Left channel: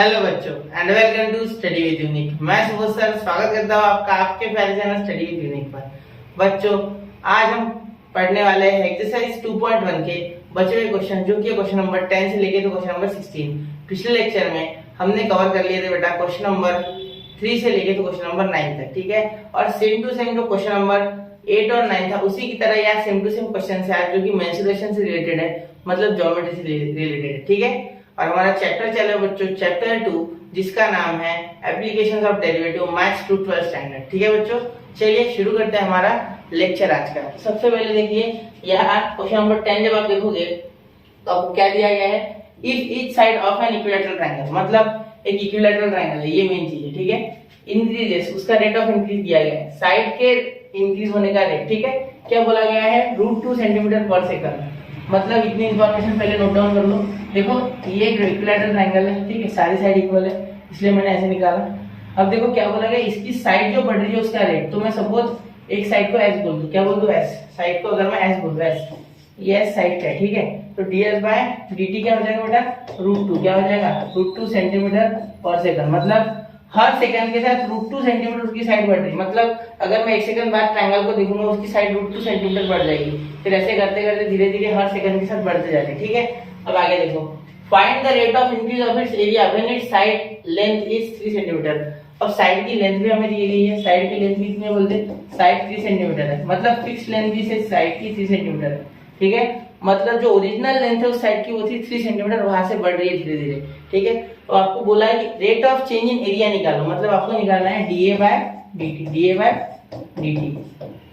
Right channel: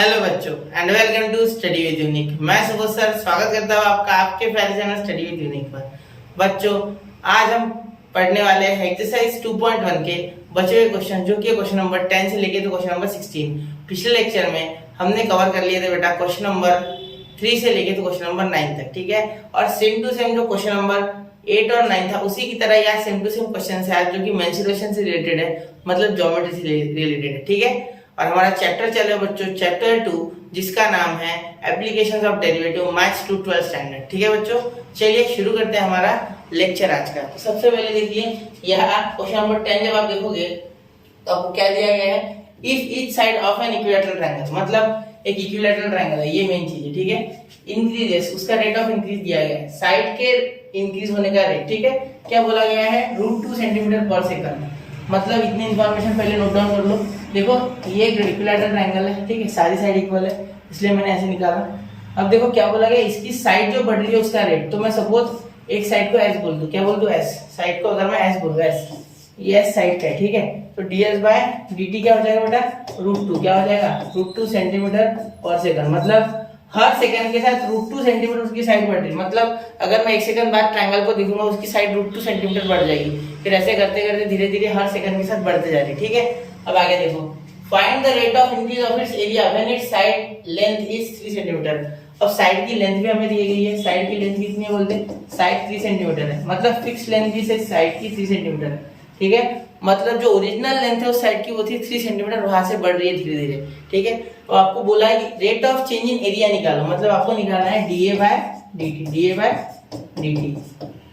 Hello बच्चों and welcome to study with unique. मैं Subodh sir स्वागत करता हूँ आपका आपके प्यारे चैनल स्टडी विद यूनिक पर। बच्चों आज हम पढ़ने वाले हैं एक्सरसाइज 2.1 के बचे हुए क्वेश्चन, जो कि क्वेश्चन नंबर 10 से लेके तो क्वेश्चन नंबर 16। पिछले लेक्चर में हमने कवर कर लिए थे बेटा क्वेश्चन नंबर 3 से लेके तो क्वेश्चन नंबर 9 तक, ठीक है। और सेम टू सेम जो क्वेश्चन नंबर 8 और 9 था उसी की तरह यहाँ सेम टू सेम क्वेश्चन है आज, जो कि मेंसुरेशन से रिलेटेड है, मतलब ज्योमेट्री से रिलेटेड है, ठीक है। और हमारा चैप्टर चल रहा है बच्चों चैप्टर 2, जिसका नाम है applications of derivative maths to 12th standard, ठीक है बच्चों। चलिए शुरू करते हैं हमारा लेक्चर आज का। तो सबसे पहले देखिए यहाँ क्वेश्चन नंबर 10 जब आप देखोगे तो आपको क्या दिया गया है, if each side of an equilateral triangle, मतलब एक इक्विलैटरल ट्रायंगल है, ये मेन चीज है, ठीक है। इंक्रीजेस, उसका रेट ऑफ इंक्रीज दिया गया है, साइड के इंक्रीज होने का रेट, ठीक है। क्या बोला गया है, √2 सेंटीमीटर पर सेकंड। मतलब इतनी इंफॉर्मेशन पहले नोट डाउन कर लो। देखो ये एक इक्विलैटरल ट्रायंगल है, ठीक है, सारी साइड इक्वल है इसलिए मैंने ऐसे निकाला। अब देखो क्या बोला गया, इसकी साइड जो बढ़ रही है उसका रेट। तो मैं सपोज एक साइड को एस बोल दूं, क्या बोल दूं एस, साइड को अगर मैं एस बोल दूं एस, ये एस साइड है, ठीक है। तो ds बाय dt क्या हो जाएगा बेटा, √2 क्या हो जाएगा, √2 सेंटीमीटर पर सेकंड। मतलब हर सेकंड के साथ √2 सेंटीमीटर उसकी साइड बढ़ रही है। मतलब अगर मैं एक सेकंड बाद ट्रायंगल को देखूंगा उसकी साइड √2 सेंटीमीटर बढ़ जाएगी। फिर ऐसे करते करते धीरे धीरे हर सेकंड के साथ बढ़ते जा रही है, ठीक है। अब आगे देखो, find the rate of increase of its area when it's side length is 3 centimetre. अब साइड की लेंथ भी हमें दी गई है, साइड की लेंथ कितनी है बोलते हैं, साइड 3 सेंटीमीटर है। मतलब फिक्स लेंथ भी से साइड की 3 सेंटीमीटर है, ठीक है। मतलब जो ओरिजिनल लेंथ है उस साइड की वो थी 3 सेंटीमीटर, वहां से बढ़ रही है धीरे धीरे, ठीक है। तो आपको बोला है कि rate of change in area निकालो, मतलब आपको निकालना है dA बाय dt,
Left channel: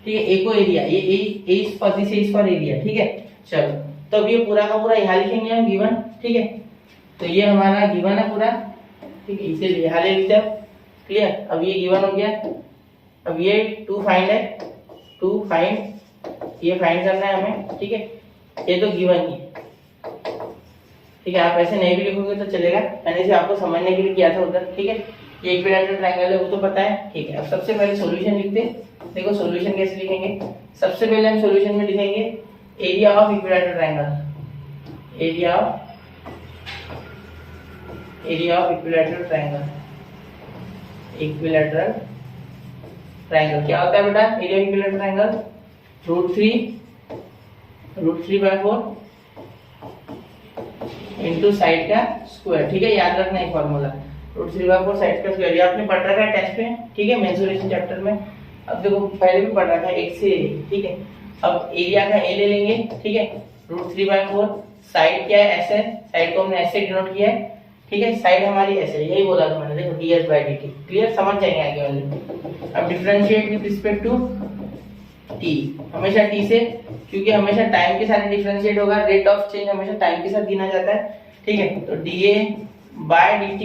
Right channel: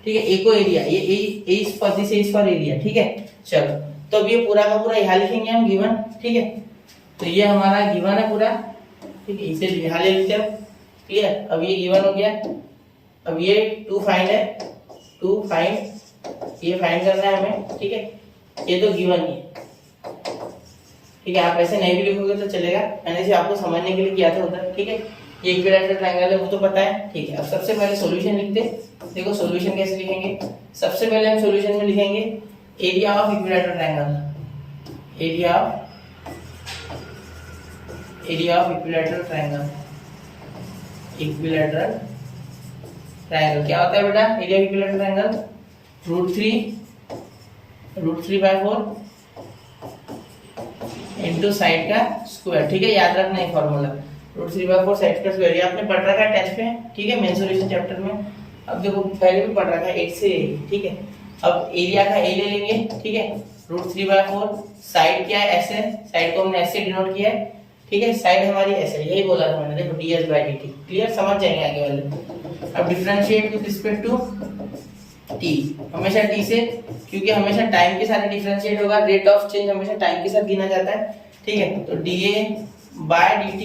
ठीक है। ए को एरिया, ये A is for this, is for area, ठीक है। चलो तो अब ये पूरा का पूरा यहाँ लिखेंगे हम गिवन, ठीक है। तो ये हमारा गिवन है पूरा, ठीक है, इसे यहाँ ले लेते हैं, क्लियर। अब ये गिवन हो गया। अब ये 2 फाइंड है, 2 फाइंड, ये फाइंड करना है हमें, ठीक है। ये तो गिवन ही है, ठीक है। आप ऐसे नहीं भी लिखोगे तो चलेगा, मैंने इसे आपको समझने के लिए किया था उधर, ठीक है। ये इक्विलैटरल ट्रायंगल है वो तो पता है, ठीक है। अब सबसे पहले सॉल्यूशन लिखते हैं। देखो सॉल्यूशन कैसे लिखेंगे, सबसे पहले हम सॉल्यूशन में लिखेंगे area of equilateral triangle, area of equilateral triangle, equilateral triangle क्या होता है बेटा, area of equilateral triangle √3/4 into side का स्क्वायर, ठीक है। याद रखना है फॉर्मूला, √3/4 साइड का स्क्वायर। ये आपने पढ़ रखा है टेंथ में, ठीक है, मेंसुरेशन चैप्टर में। अब देखो पहले भी पढ़ रखा है 1 से, ठीक है। अब एरिया का ए ले लेंगे, ठीक है, √3/4, साइड क्या है, एस है, साइड को हमने एस से डिनोट किया है, ठीक है। साइड हमारी एस है, यही बोला था मैंने, देखो ds बाय dt, क्लियर, समझ जाएंगे आगे वाले। अब differentiate with respect to t, हमेशा t से, क्योंकि हमेशा टाइम के साथ डिफरेंशिएट होगा, रेट ऑफ चेंज हमेशा टाइम के साथ गिना जाता है, ठीक है। तो dA by dt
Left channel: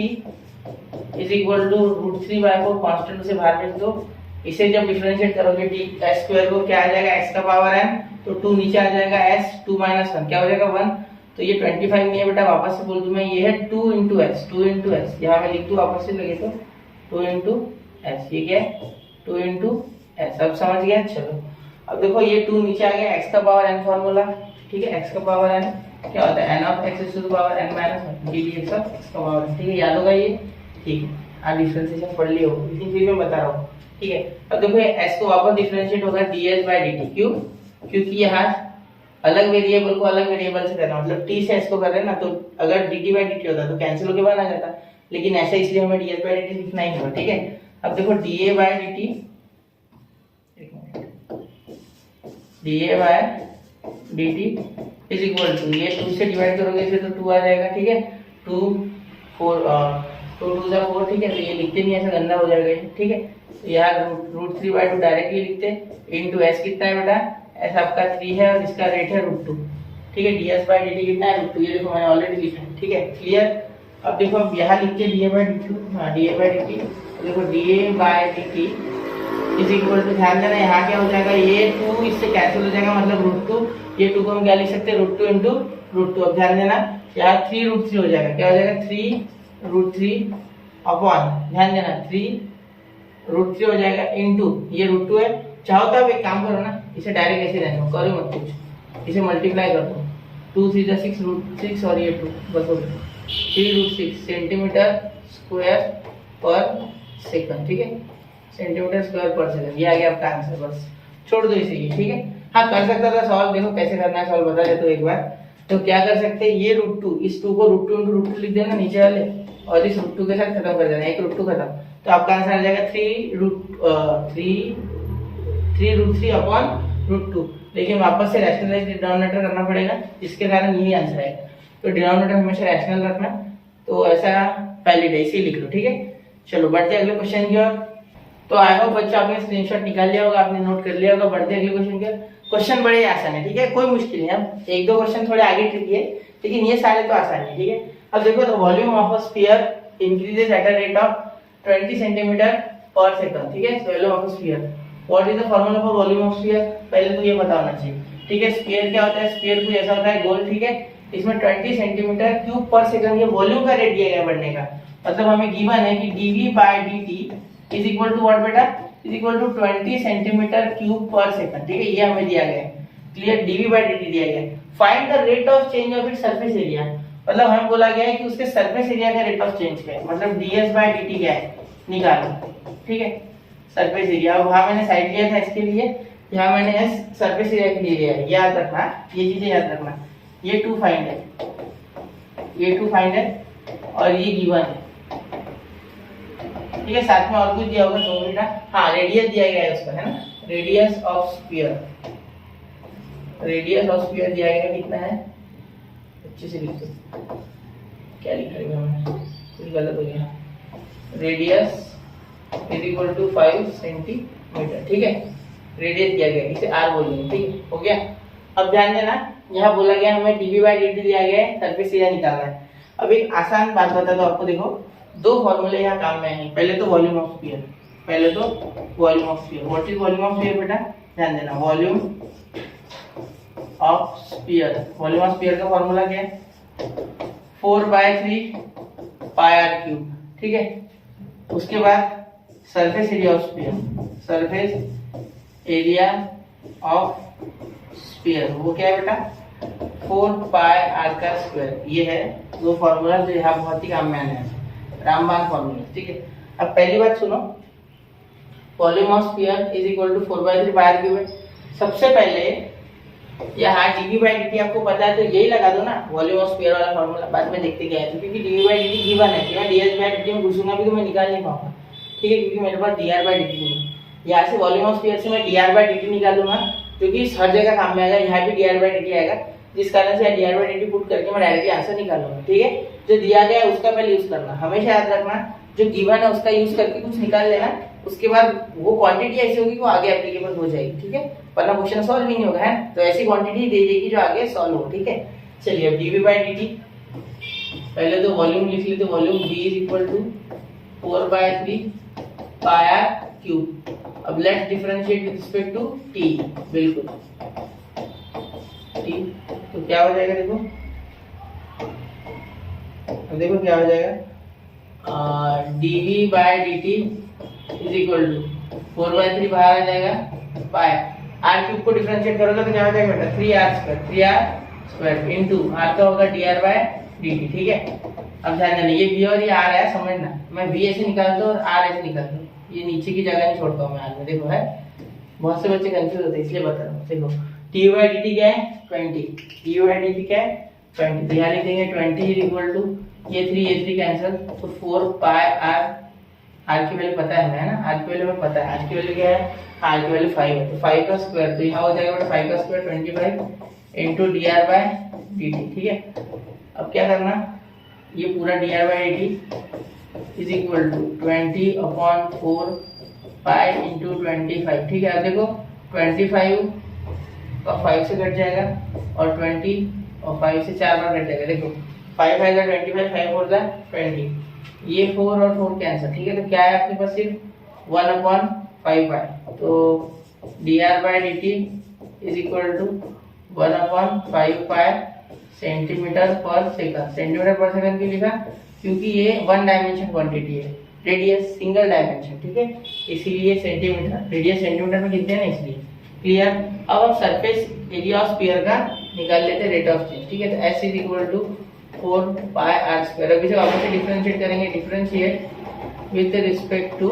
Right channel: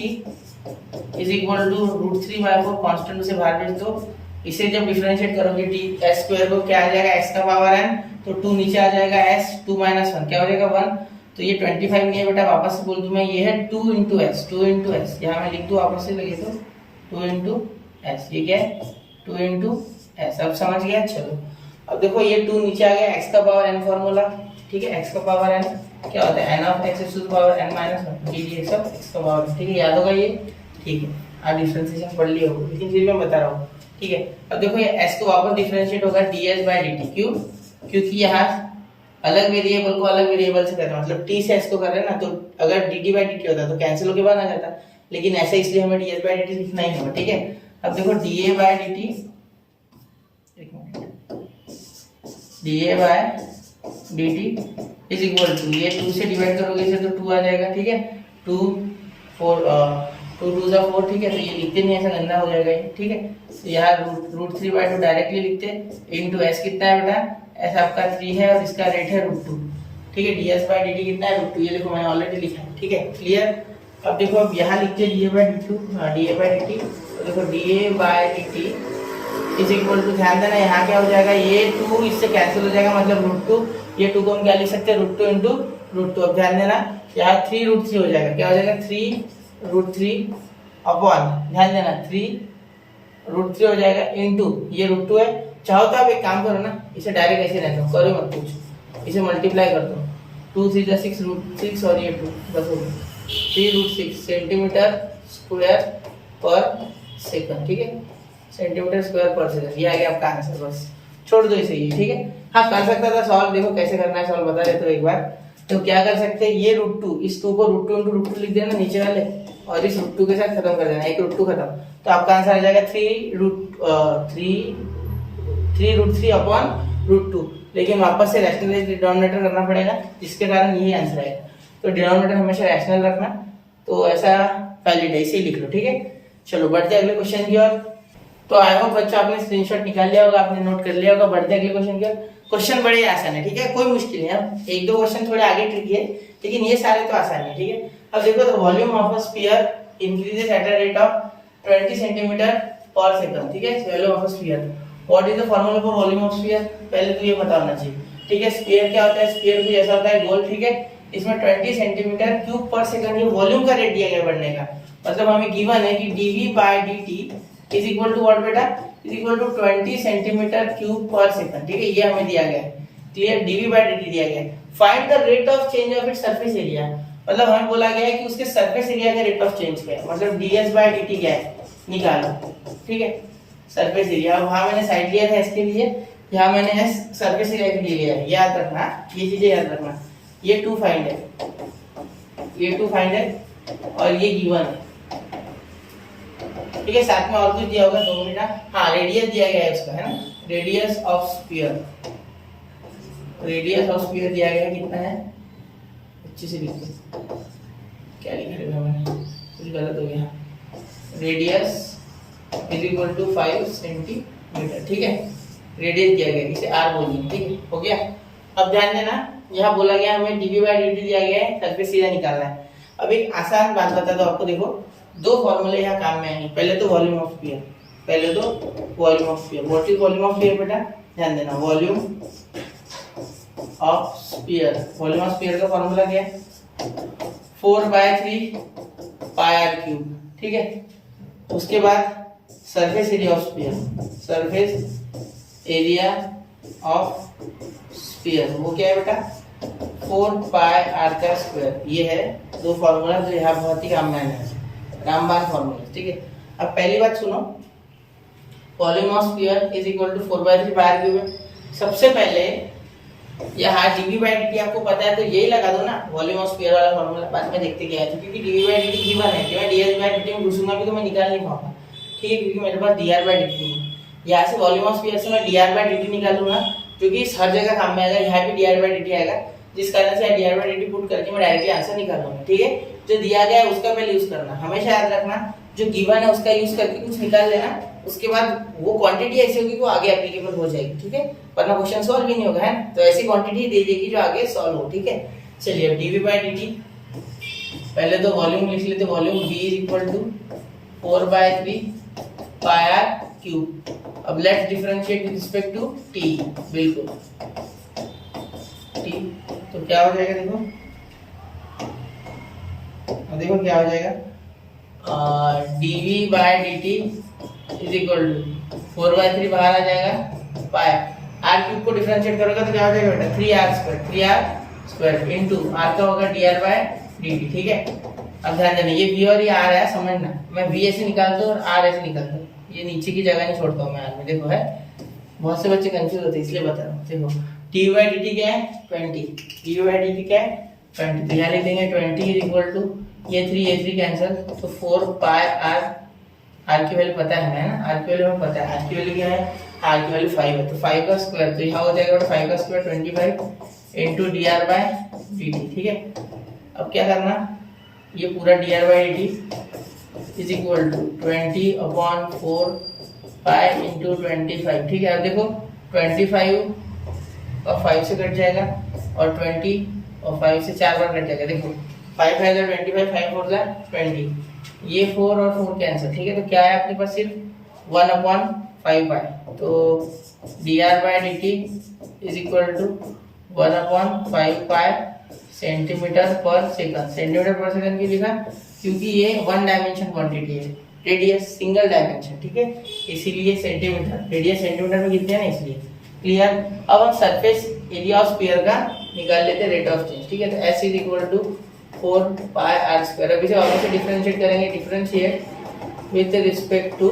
is equal to √3/4, constant उसे बाहर भेज दो। इसे जब डिफरेंशिएट करोगे t s स्क्वायर को क्या आ जाएगा, x का पावर n, तो 2 नीचे आ जाएगा, s 2 - 1 क्या हो जाएगा 1। तो ये 25 नहीं है बेटा, वापस से बोल दूं मैं, ये है 2 × s, 2 × s, यहाँ मैं लिख दूं वापस से लगे तो 2 × s, ये क्या है 2 × s। अब समझ गया, चलो। अब देखो ये 2 नीचे आ गया, x का पावर n फॉर्मूला, ठीक है। x का पावर n क्या होता है, n of x to the power n - 1 ddx of x का पावर, ठीक है, याद होगा ये, ठीक है। आप डिफरेंशिएशन पढ़ लिए हो, लेकिन फिर मैं बता रहा हूँ, ठीक है। अब देखो ये s को वापस डिफरेंशिएट होगा ds बाय dt, क्यों, क्योंकि यहाँ अलग वेरिएबल को अलग वेरिएबल से कर रहे हैं, मतलब t से s को कर रहे हैं ना, तो अगर dt बाय dt होता तो कैंसिल होके बाहर आ जाता, लेकिन ऐसा इसलिए हमें ds बाय dt लिखना ही होगा, ठीक है। अब देखो dA by dt, dA by dt is equal to, ये 2 से डिवाइड करोगे इसे तो 2 आ जाएगा, ठीक है। 2 2 × 4, ठीक है। तो ये लिखते नहीं, ऐसा गंदा हो जाएगा ये, ठीक है। तो यहाँ √3/2 डायरेक्टली लिखते इंटू s कितना है बेटा, s आपका 3 है और इसका रेट है √2, ठीक है। ds बाय dt कितना है √2, ये देखो मैंने ऑलरेडी लिखा है, ठीक है, क्लियर। अब देखो अब यहाँ लिखते dA बाय dt, तो देखो dA by dt is equal to, ध्यान देना यहाँ क्या हो जाएगा, ये 2 इससे कैंसिल हो जाएगा, मतलब √2, ये 2 को हम क्या लिख सकते हैं, √2 × √2। अब ध्यान देना यहाँ 3 √3 हो जाएगा, क्या हो जाएगा 3 √3/, ध्यान देना 3 √3 हो जाएगा इंटू ये √2 है। चाहो तो आप एक काम करो ना, इसे डायरेक्ट ऐसे रहने दो, करो मत कुछ, इसे मल्टीप्लाई कर दो, 2 × 3 = 6 √6 और ये 2, बस हो गया। 3√6 सेंटीमीटर स्क्वायर पर सेकंड, ठीक है, सेंटीमीटर स्क्वायर पर सेकंड। ये आ गया आपका आंसर, बस छोड़ दो इसे, ये ठीक है। हाँ कर सकता था सॉल्व, देखो कैसे करना है सॉल्व बता देता हूं एक बार। तो क्या कर सकते हैं, ये √2, इस 2 को √2 × √2 लिख देना नीचे वाले, और इस √2 के साथ खत्म कर देना, एक √2 खत्म। तो आपका आंसर आ जाएगा 3√3/√2। लेकिन वापस से रैशनलाइज डिनोमिनेटर करना पड़ेगा, जिसके कारण यही आंसर आएगा। तो डिनोमिनेटर हमेशा रैशनल रखना, तो ऐसा वैलिड है, इसे लिख लो, ठीक है। चलो बढ़ते अगले क्वेश्चन की ओर। तो आई होप बच्चों आपने स्क्रीनशॉट निकाल लिया होगा, आपने नोट कर लिया होगा। बढ़ते अगले क्वेश्चन की ओर। क्वेश्चन बड़े आसान है, ठीक है, कोई मुश्किल नहीं। अब एक दो क्वेश्चन थोड़े आगे ट्रिकी है, लेकिन ये सारे तो आसान है, ठीक है। अब देखो, the volume of a sphere increases eight a rate of 20 centimetre per second, ठीक है। Volume of a sphere, what is the formula for volume of sphere, पहले तो ये पता होना चाहिए, ठीक है। स्फीयर क्या होता है, स्फीयर कुछ ऐसा होता है गोल, ठीक है। इसमें 20 सेंटीमीटर क्यूब पर सेकंड ये वॉल्यूम का रेट दिया गया बढ़ने का। मतलब हमें गिवन है कि dv/dt is equal to what बेटा, is equal to 20 centimetre cube per second, ठीक है। ये हमें दिया गया है, क्लियर, dv/dt दिया गया है। Find the rate of change of its surface area, मतलब हमें बोला गया है कि उसके सरफेस एरिया का रेट ऑफ चेंज क्या है, मतलब ds/dt क्या है निकालो, ठीक है। सरफेस एरिया, वहां मैंने साइड लिया था इसके लिए, यहाँ मैंने s सरफेस एरिया के लिए लिया है, याद रखना, ये चीजें याद रखना। ये 2 फाइंड है, ये 2 फाइंड है, और ये गिवन है, ठीक है। साथ में और कुछ दिया होगा, 2 मिनट। हाँ, रेडियस दिया गया है उसका, है ना, radius of sphere, radius of sphere दिया गया है, कितना है, अच्छे से लिखो, क्या लिखा है मैंने, कुछ गलत हो गया। Radius is equal to 5 centimetre, ठीक है। रेडियस दिया गया, इसे r बोलेंगे, ठीक है, हो गया। अब ध्यान देना, यहाँ बोला गया हमें dv/dt दिया गया है, सरफेस एरिया निकालना है। अब एक आसान बात बता दो आपको, देखो 2 फॉर्मूले यहाँ काम में हैं। पहले तो वॉल्यूम ऑफ स्फीयर, पहले तो volume of sphere, what is volume of sphere बेटा, ध्यान देना, volume of sphere, volume of sphere का फॉर्मूला क्या है, 4/3 πr³, ठीक है। उसके बाद surface area of sphere, surface area of sphere, वो क्या है बेटा, 4πr², ये है 2 फॉर्मूला जो यहाँ बहुत ही काम में आने हैं, रामबाण फॉर्मूला, ठीक है। अब पहली बात सुनो, volume of sphere is equal to 4/3 πr³ है। सबसे पहले यहाँ dv/dt आपको पता है, तो यही लगा दो ना, वॉल्यूम ऑफ स्फीयर वाला फॉर्मूला, बाद में देखते क्या है। तो क्योंकि dv/dt गिवन है, कि मैं ds/dt में घुसूंगा भी तो मैं निकाल नहीं पाऊंगा, ठीक है, क्योंकि मेरे पास dr/dt नहीं है। यहाँ से वॉल्यूम ऑफ स्फीयर से मैं dr/dt निकालूंगा, क्योंकि हर जगह काम में आएगा, यहाँ भी dr/dt आएगा, जिस कारण से dr/dt पुट करके मैं डायरेक्टली आंसर निकालूंगा, ठीक है। जो दिया गया है उसका पहले यूज करना, हमेशा याद रखना, जो गिवन है उसका यूज करके कुछ निकाल लेना, उसके बाद वो क्वांटिटी ऐसी होगी कि वो आगे एप्लीकेबल हो जाएगी, ठीक है, वरना क्वेश्चन सॉल्व ही नहीं होगा, है। तो ऐसी क्वांटिटी दे देगी जो आगे सॉल्व हो, ठीक है। चलिए अब dv/dt, पहले तो वॉल्यूम लिख लेते, volume v is equal to 4/3 πr³। अब let's differentiate with respect to t, बिल्कुल t, तो क्या हो जाएगा, देखो, अब देखो क्या हो जाएगा, dv/dt इज इक्वल टू 4/3 बाहर आ जाएगा, पाई r³ को डिफरेंशिएट करोगे तो क्या हो जाएगा बेटा, 3r² इनटू r का होगा dr/dt, ठीक है। अब ध्यान देना, ये v और ये r है, समझना, मैं v ऐसे निकालता हूँ और r ऐसे निकालता हूँ, ये नीचे की जगह नहीं छोड़ता हूँ मैं r में, देखो है, बहुत से बच्चे कंफ्यूज होते हैं इसलिए बता रहा हूँ। देखो dv/dt क्या है, 20, dv/dt क्या है 20, तो यहाँ लिख देंगे 20 इज इक्वल टू, ये 3 कैंसिल, तो 4πr, r की वैल्यू पता है हमें, है ना, r की वैल्यू हमें पता है, r की वैल्यू क्या है, r की वैल्यू 5 है, तो 5 का स्क्वायर, तो यहाँ हो जाएगा बेटा 5 का स्क्वायर 25 इनटू dr/dt, ठीक है। अब क्या करना, ये पूरा dr/dt is equal to 20/4 pi into 25, ठीक है। अब देखो 25 का 5 से कट जाएगा, और 20 और 5 से 4 बार कट जाएगा, देखो 5 है 25, 5 4 20, ये 4 और 4 कैंसिल, ठीक है। तो क्या है आपके पास, सिर्फ 1/5 है, तो dr/dt is equal to 1/5 centimetre per second. Centimetre per second क्यों लिखा, क्योंकि ये 1 डायमेंशन क्वांटिटी है, रेडियस सिंगल डायमेंशन, ठीक है, इसीलिए सेंटीमीटर, रेडियस सेंटीमीटर में गिनते हैं ना, इसलिए, क्लियर। अब हम सरफेस एरिया ऑफ स्फीयर का निकाल लेते हैं रेट ऑफ चेंज, ठीक है। तो s is equal to 4 pi r square. अभी से वापस से डिफरेंशिएट करेंगे, differentiate with respect to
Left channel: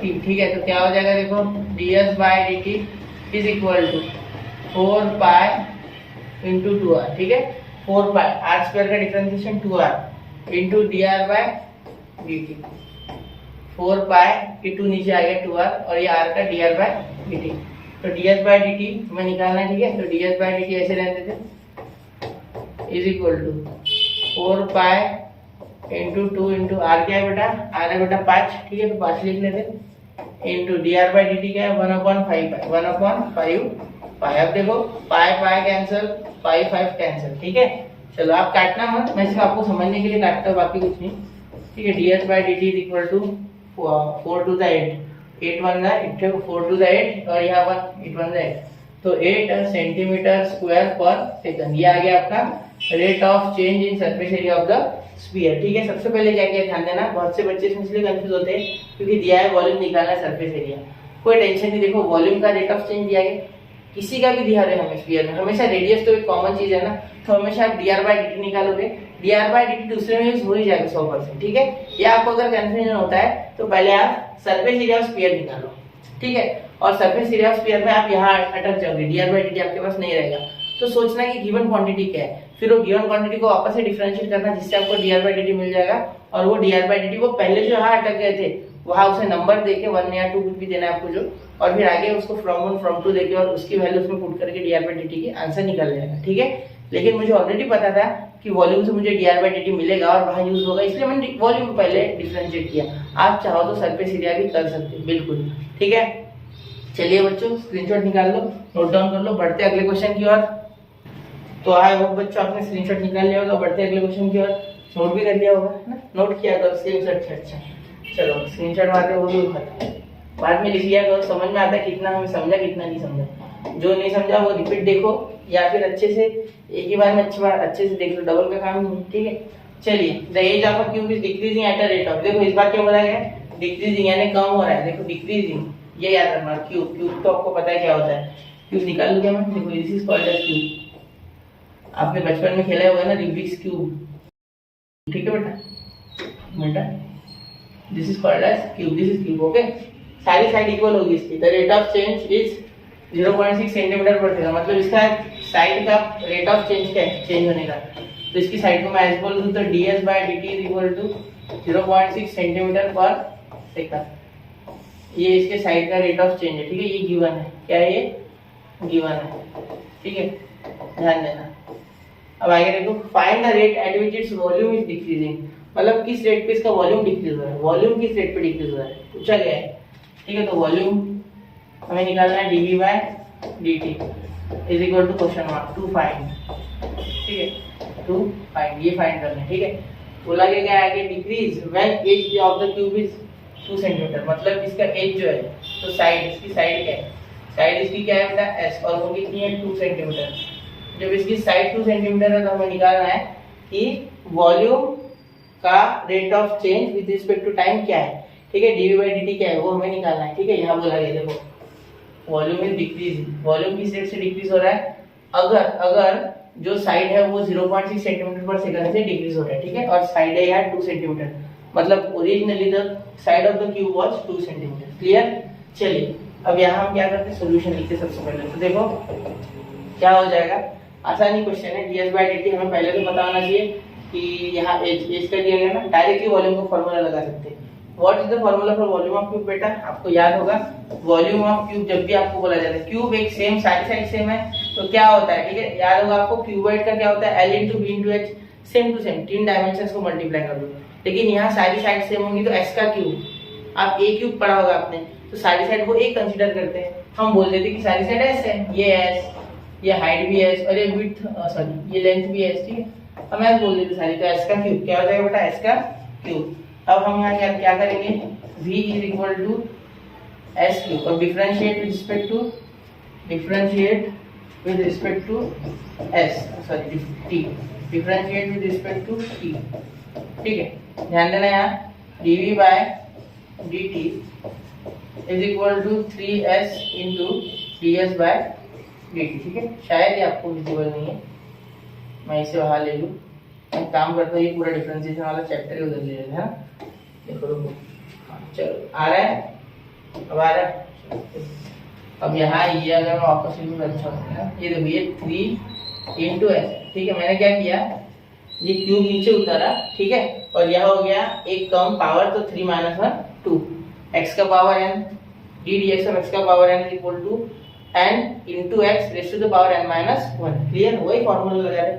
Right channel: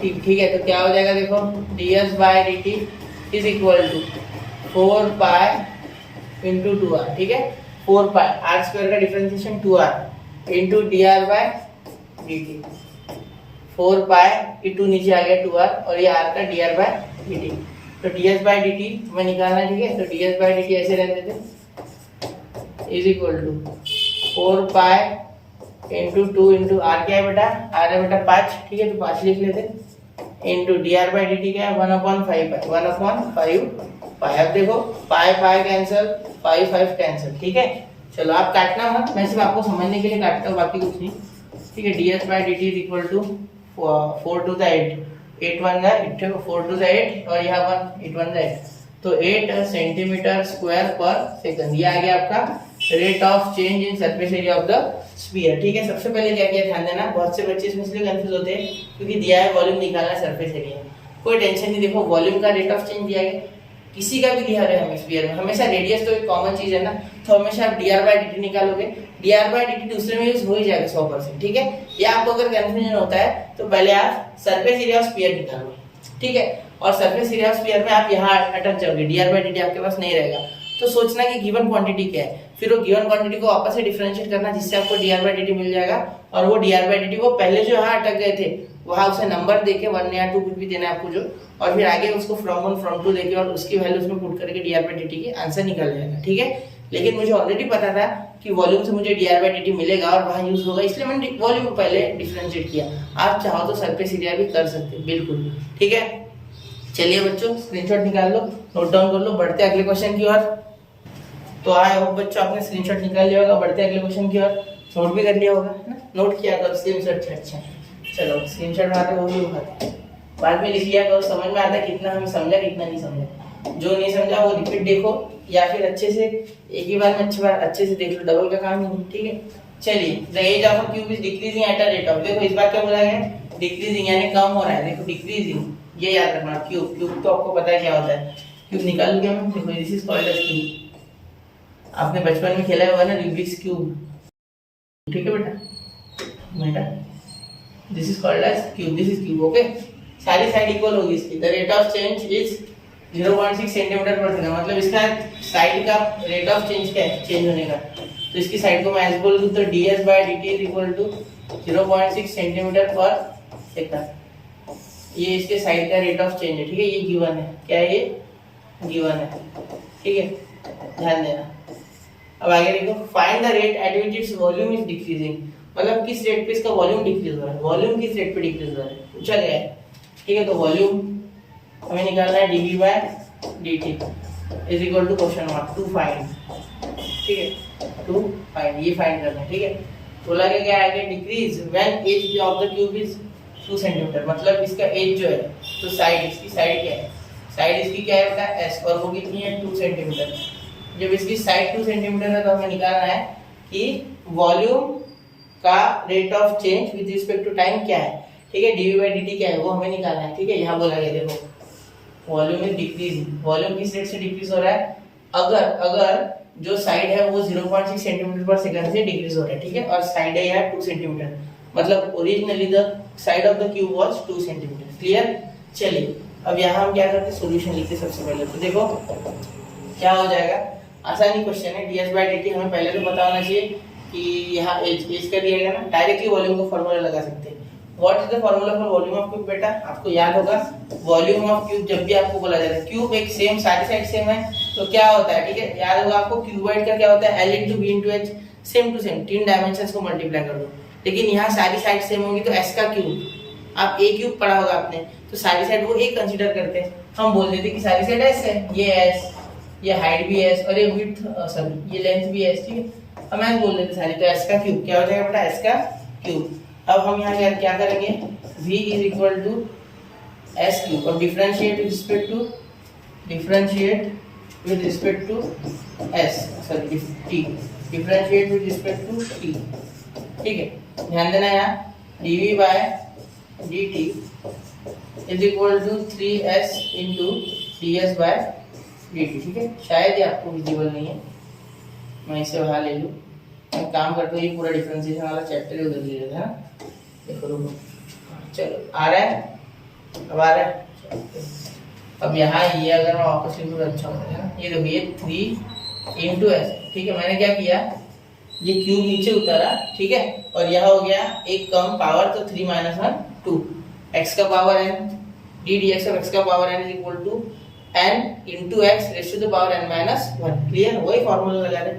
t. ठीक है, तो क्या हो जाएगा देखो, ds by d t is equal to 4 pi into 2r। ठीक है, 4 पाई आर स्क्वायर का differentiation 2r into d r by d t. 4 pi की 2 नीचे आ गया 2r और ये r का d r by d t. तो ds बाय डी टी हमें निकालना है। ठीक है, तो ds बाय डी टी ऐसे रहने देते is equal to 4 pi into 2 into r क्या है बेटा, आर है बेटा 5। ठीक है, तो 5 लिख लेते into d R by D T क्या है 1/5 पाई, 1/5 पाई। अब देखो पाई पाई कैंसिल, पाई 5 कैंसिल। ठीक है, चलो आप काटना मत, मैं सिर्फ आपको समझने के लिए काटता हूँ, बाकी कुछ नहीं। ठीक है, ds by D t is equal to 4 to the 8, 8 1 8, 4 to the 8 और यहाँ 1 8 1 8, तो 8 सेंटीमीटर स्क्वायर पर सेकंड। ये आ गया आपका rate of change in surface area of the sphere. ठीक है, सबसे पहले क्या क्या ध्यान देना, बहुत से बच्चे इसमें इसलिए कंफ्यूज होते हैं क्योंकि दिया है वॉल्यूम निकालना है सरफेस एरिया। कोई टेंशन नहीं, देखो वॉल्यूम का रेट ऑफ चेंज दिया गया, किसी का भी दिया है हमें स्फीयर में, हमेशा रेडियस तो एक कॉमन चीज है ना, तो हमेशा आप D R by D T निकालोगे, D R by D T दूसरे में यूज हो ही जाएगा 100%। ठीक है, ये आपको अगर कंफ्यूजन होता है तो पहले आप सरफेस एरिया ऑफ स्फीयर निकालो। ठीक है, और सरफेस एरिया ऑफ स्फीयर में आप यहाँ अटक जाओगे, D R by D T आपके पास नहीं रहेगा, तो सोचना कि गिवन क्वांटिटी क्या है, फिर वो गिवन क्वांटिटी को वापस से डिफरेंशिएट करना जिससे आपको D R by D T मिल जाएगा। और वो D R by D T को पहले जो यहाँ अटक गए थे वहाँ उसे नंबर देके 1 या 2 कुछ भी देना है आपको जो, और फिर आगे उसको फ्रॉम 1 फ्रॉम 2 देके और उसकी वैल्यू उसमें पुट करके D R by D T की आंसर निकल जाएगा। ठीक है, लेकिन मुझे ऑलरेडी पता था कि वॉल्यूम से मुझे D R by D T मिलेगा और वहाँ यूज होगा, इसलिए मैंने वॉल्यूम पहले डिफरेंशिएट किया। आप चाहो तो सरफेस एरिया भी कर सकते हैं, बिल्कुल। ठीक है, चलिए बच्चों स्क्रीनशॉट निकाल लो, नोट डाउन कर लो, बढ़ते अगले क्वेश्चन की ओर। तो आई होप बच्चों आपने स्क्रीनशॉट निकाल लिया होगा, बढ़ते अगले क्वेश्चन की ओर। नोट भी कर लिया होगा है ना, नोट किया करो स्क्रीनशॉट। अच्छा चलो स्क्रीनशॉट मारते वो भी उठाते हैं, बाद में लिख लिया करो, समझ में आता है कितना हमें समझा कितना नहीं समझा। जो नहीं समझा वो रिपीट देखो या फिर अच्छे से एक ही बार में अच्छे से देख लो, डबल का काम नहीं। ठीक है, चलिए the edge of a cube is decreasing at a rate of, देखो इस बार क्या बोला गया, डिक्रीजिंग यानी कम हो रहा है। देखो डिक्रीजिंग, ये याद रखना, क्यूब क्यूब तो आपको पता है क्या होता है, क्यूब निकाल लूंगा मैं। देखो this is called edge cube, आपने बचपन में खेला होगा ना रूबिक्स क्यूब। ठीक है बेटा this is called edge cube, this is cube. Okay, सारी साइड इक्वल होगी इसकी। The rate of change is 0.6 centimetre per second, मतलब इसका साइड का रेट ऑफ चेंज क्या है, चेंज होने का। तो इसकी साइड को मैं ऐसे बोल दूं तो ds by dt is equal to 0.6 centimetre per second. ये इसके साइड का रेट ऑफ चेंज है। ठीक है, ये गिवन है, क्या है ये गिवन है। ठीक है, ध्यान देना। अब आगे देखो, find the rate at which its volume is decreasing, मतलब किस रेट पे इसका वॉल्यूम डिक्रीज हो रहा है, वॉल्यूम किस रेट पे डिक्रीज हो रहा है पूछा गया है। ठीक है, तो वॉल्यूम हमें निकालना है dv by dt is equal to question mark to find. ठीक है, टू फाइंड, ये फाइंड करना है। ठीक है, बोला गया क्या आगे, decrease when edge of the cube is 2 centimetre, मतलब इसका एज जो है, तो साइड, इसकी साइड क्या है, साइड इसकी क्या है बेटा s, और वो कितनी है 2 सेंटीमीटर। जब इसकी साइड 2 सेंटीमीटर है तो हमें निकालना है कि वॉल्यूम का rate of change with respect to time क्या है। ठीक है, dv बाय dt क्या है वो हमें निकालना है। ठीक है, यहाँ बोला गया देखो वॉल्यूम इज डिक्रीजिंग, वॉल्यूम किस रेट से डिक्रीज हो रहा है, अगर जो साइड है वो 0.6 सेंटीमीटर पर सेकंड से डिक्रीज हो रहा है। ठीक है, और साइड है यहाँ 2 सेंटीमीटर, मतलब originally the side of the cube was 2 centimetre. Clear, चलिए अब यहाँ हम क्या करते हैं, सॉल्यूशन लिखते हैं सबसे पहले। तो देखो क्या हो जाएगा, आसानी क्वेश्चन है। ds बाय dt हमें पहले तो पता होना चाहिए कि यहाँ एज कर दिया गया ना, डायरेक्टली वॉल्यूम को फॉर्मूला लगा सकते हैं। What is the formula for volume of cube, बेटा आपको याद होगा वॉल्यूम ऑफ क्यूब जब भी आपको बोला जाता है, क्यूब एक सेम सारी साइड सेम है तो क्या होता है। ठीक है, याद होगा आपको क्यूबॉइड का क्या होता है, l into b into h, same to same, 3 dimensions को मल्टीप्लाई कर दो। लेकिन यहाँ सारी साइड सेम होंगी तो s का क्यूब, आप a क्यूब पढ़ा होगा आपने, तो सारी साइड वो a कंसीडर करते हैं। हम बोल देते कि सारी साइड s है, ये s, ये हाइट भी s और ये विड्थ सॉरी ये लेंथ भी s। ठीक है, हम ऐसे बोल देते सारी, तो s का क्यूब क्या हो जाएगा बेटा, s का क्यूब। अब हम यहाँ क्या करेंगे, v is equal to s cube और differentiate with respect to s sorry t, differentiate with respect to t। ठीक है, ध्यान देना यहाँ dv by dt is equal to 3s into ds by dt। ठीक है, शायद ये आपको विजिबल नहीं है, मैं इसे वहाँ ले लूँ। एक काम करते हो, ये पूरा डिफरेंशिएशन वाला चैप्टर ही उधर ले लेते हैं ना। देखो रुको, चलो आ रहा है, अब आ रहा है। अब यहाँ ये अगर मैं वापस लिखूँ तो अच्छा हो गया। ये देखो ये 3 इंटू एस, ठीक है। मैंने क्या किया, ये क्यूब नीचे उतारा, ठीक है, और यह हो गया एक कम पावर, तो 3 - 1 2, एक्स का power n, d d x of x का power n is equal to n into x raise to the power n - 1। Clear, वही फॉर्मूला लगा रहे,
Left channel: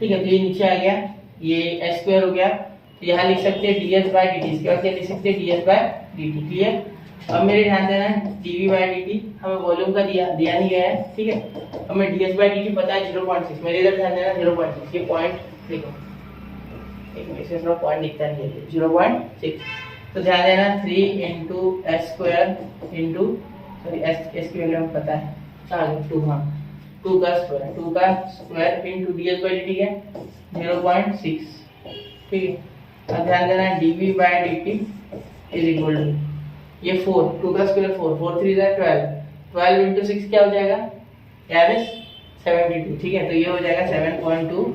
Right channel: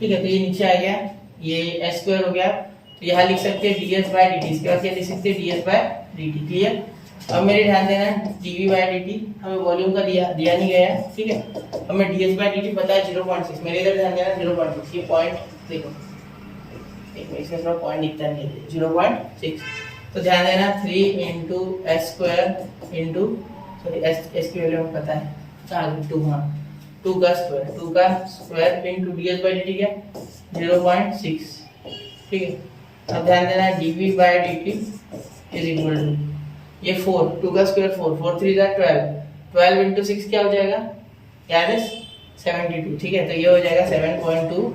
ठीक है। तो ये नीचे आ गया, ये एस स्क्वायर हो गया, तो यहाँ लिख सकते हैं D S by D T, इसके बाद क्या लिख सकते हैं D S by D T. Clear. अब मेरे ध्यान देना है dv बाई dt हमें वॉल्यूम का दिया नहीं गया है, ठीक है। हमें ds बाई dt पता है 0.6, मेरे इधर ध्यान देना 0.6, ये पॉइंट देखो, एक मिनट इसमें थोड़ा पॉइंट दिखता नहीं है, 0.6। तो ध्यान देना 3 into s square into, sorry s की वैल्यू हमें पता है, कहाँ 2, हाँ 2 का square into ds by dt क्या 0.6, ठीक है। अब ध्यान देना dv by dt is equal to ये 4, 2 का स्क्वायर 4, 4 3 12, 12 इंटू 6 क्या हो जाएगा यार 72, ठीक है। तो ये हो जाएगा 7.2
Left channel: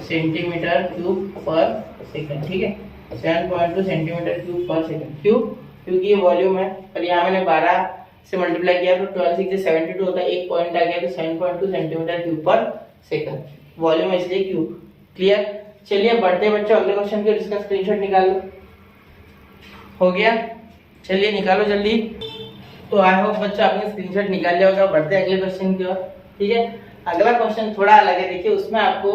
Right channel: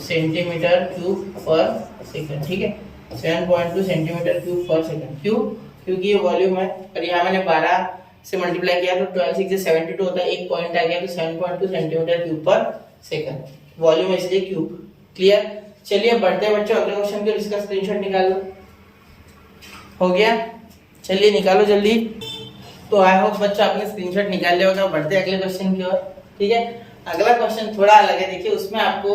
सेंटीमीटर क्यूब पर सेकंड, ठीक है। 7.2 सेंटीमीटर क्यूब पर सेकंड। क्यों? क्योंकि ये वॉल्यूम है और यहाँ मैंने 12 से मल्टीप्लाई किया तो 12 6 से 72 होता है, एक पॉइंट आ गया तो 7.2 centimetre cube per second, volume इसलिए क्यूब। क्लियर। चलिए बढ़ते हैं बच्चों अगले क्वेश्चन के, इसका स्क्रीनशॉट निकाल लो। हो गया, चलिए निकालो जल्दी। तो आई होप बच्चों आपने स्क्रीनशॉट निकाल लिया होगा। बढ़ते हैं अगले क्वेश्चन की ओर, ठीक है। अगला क्वेश्चन थोड़ा अलग है, देखिए उसमें आपको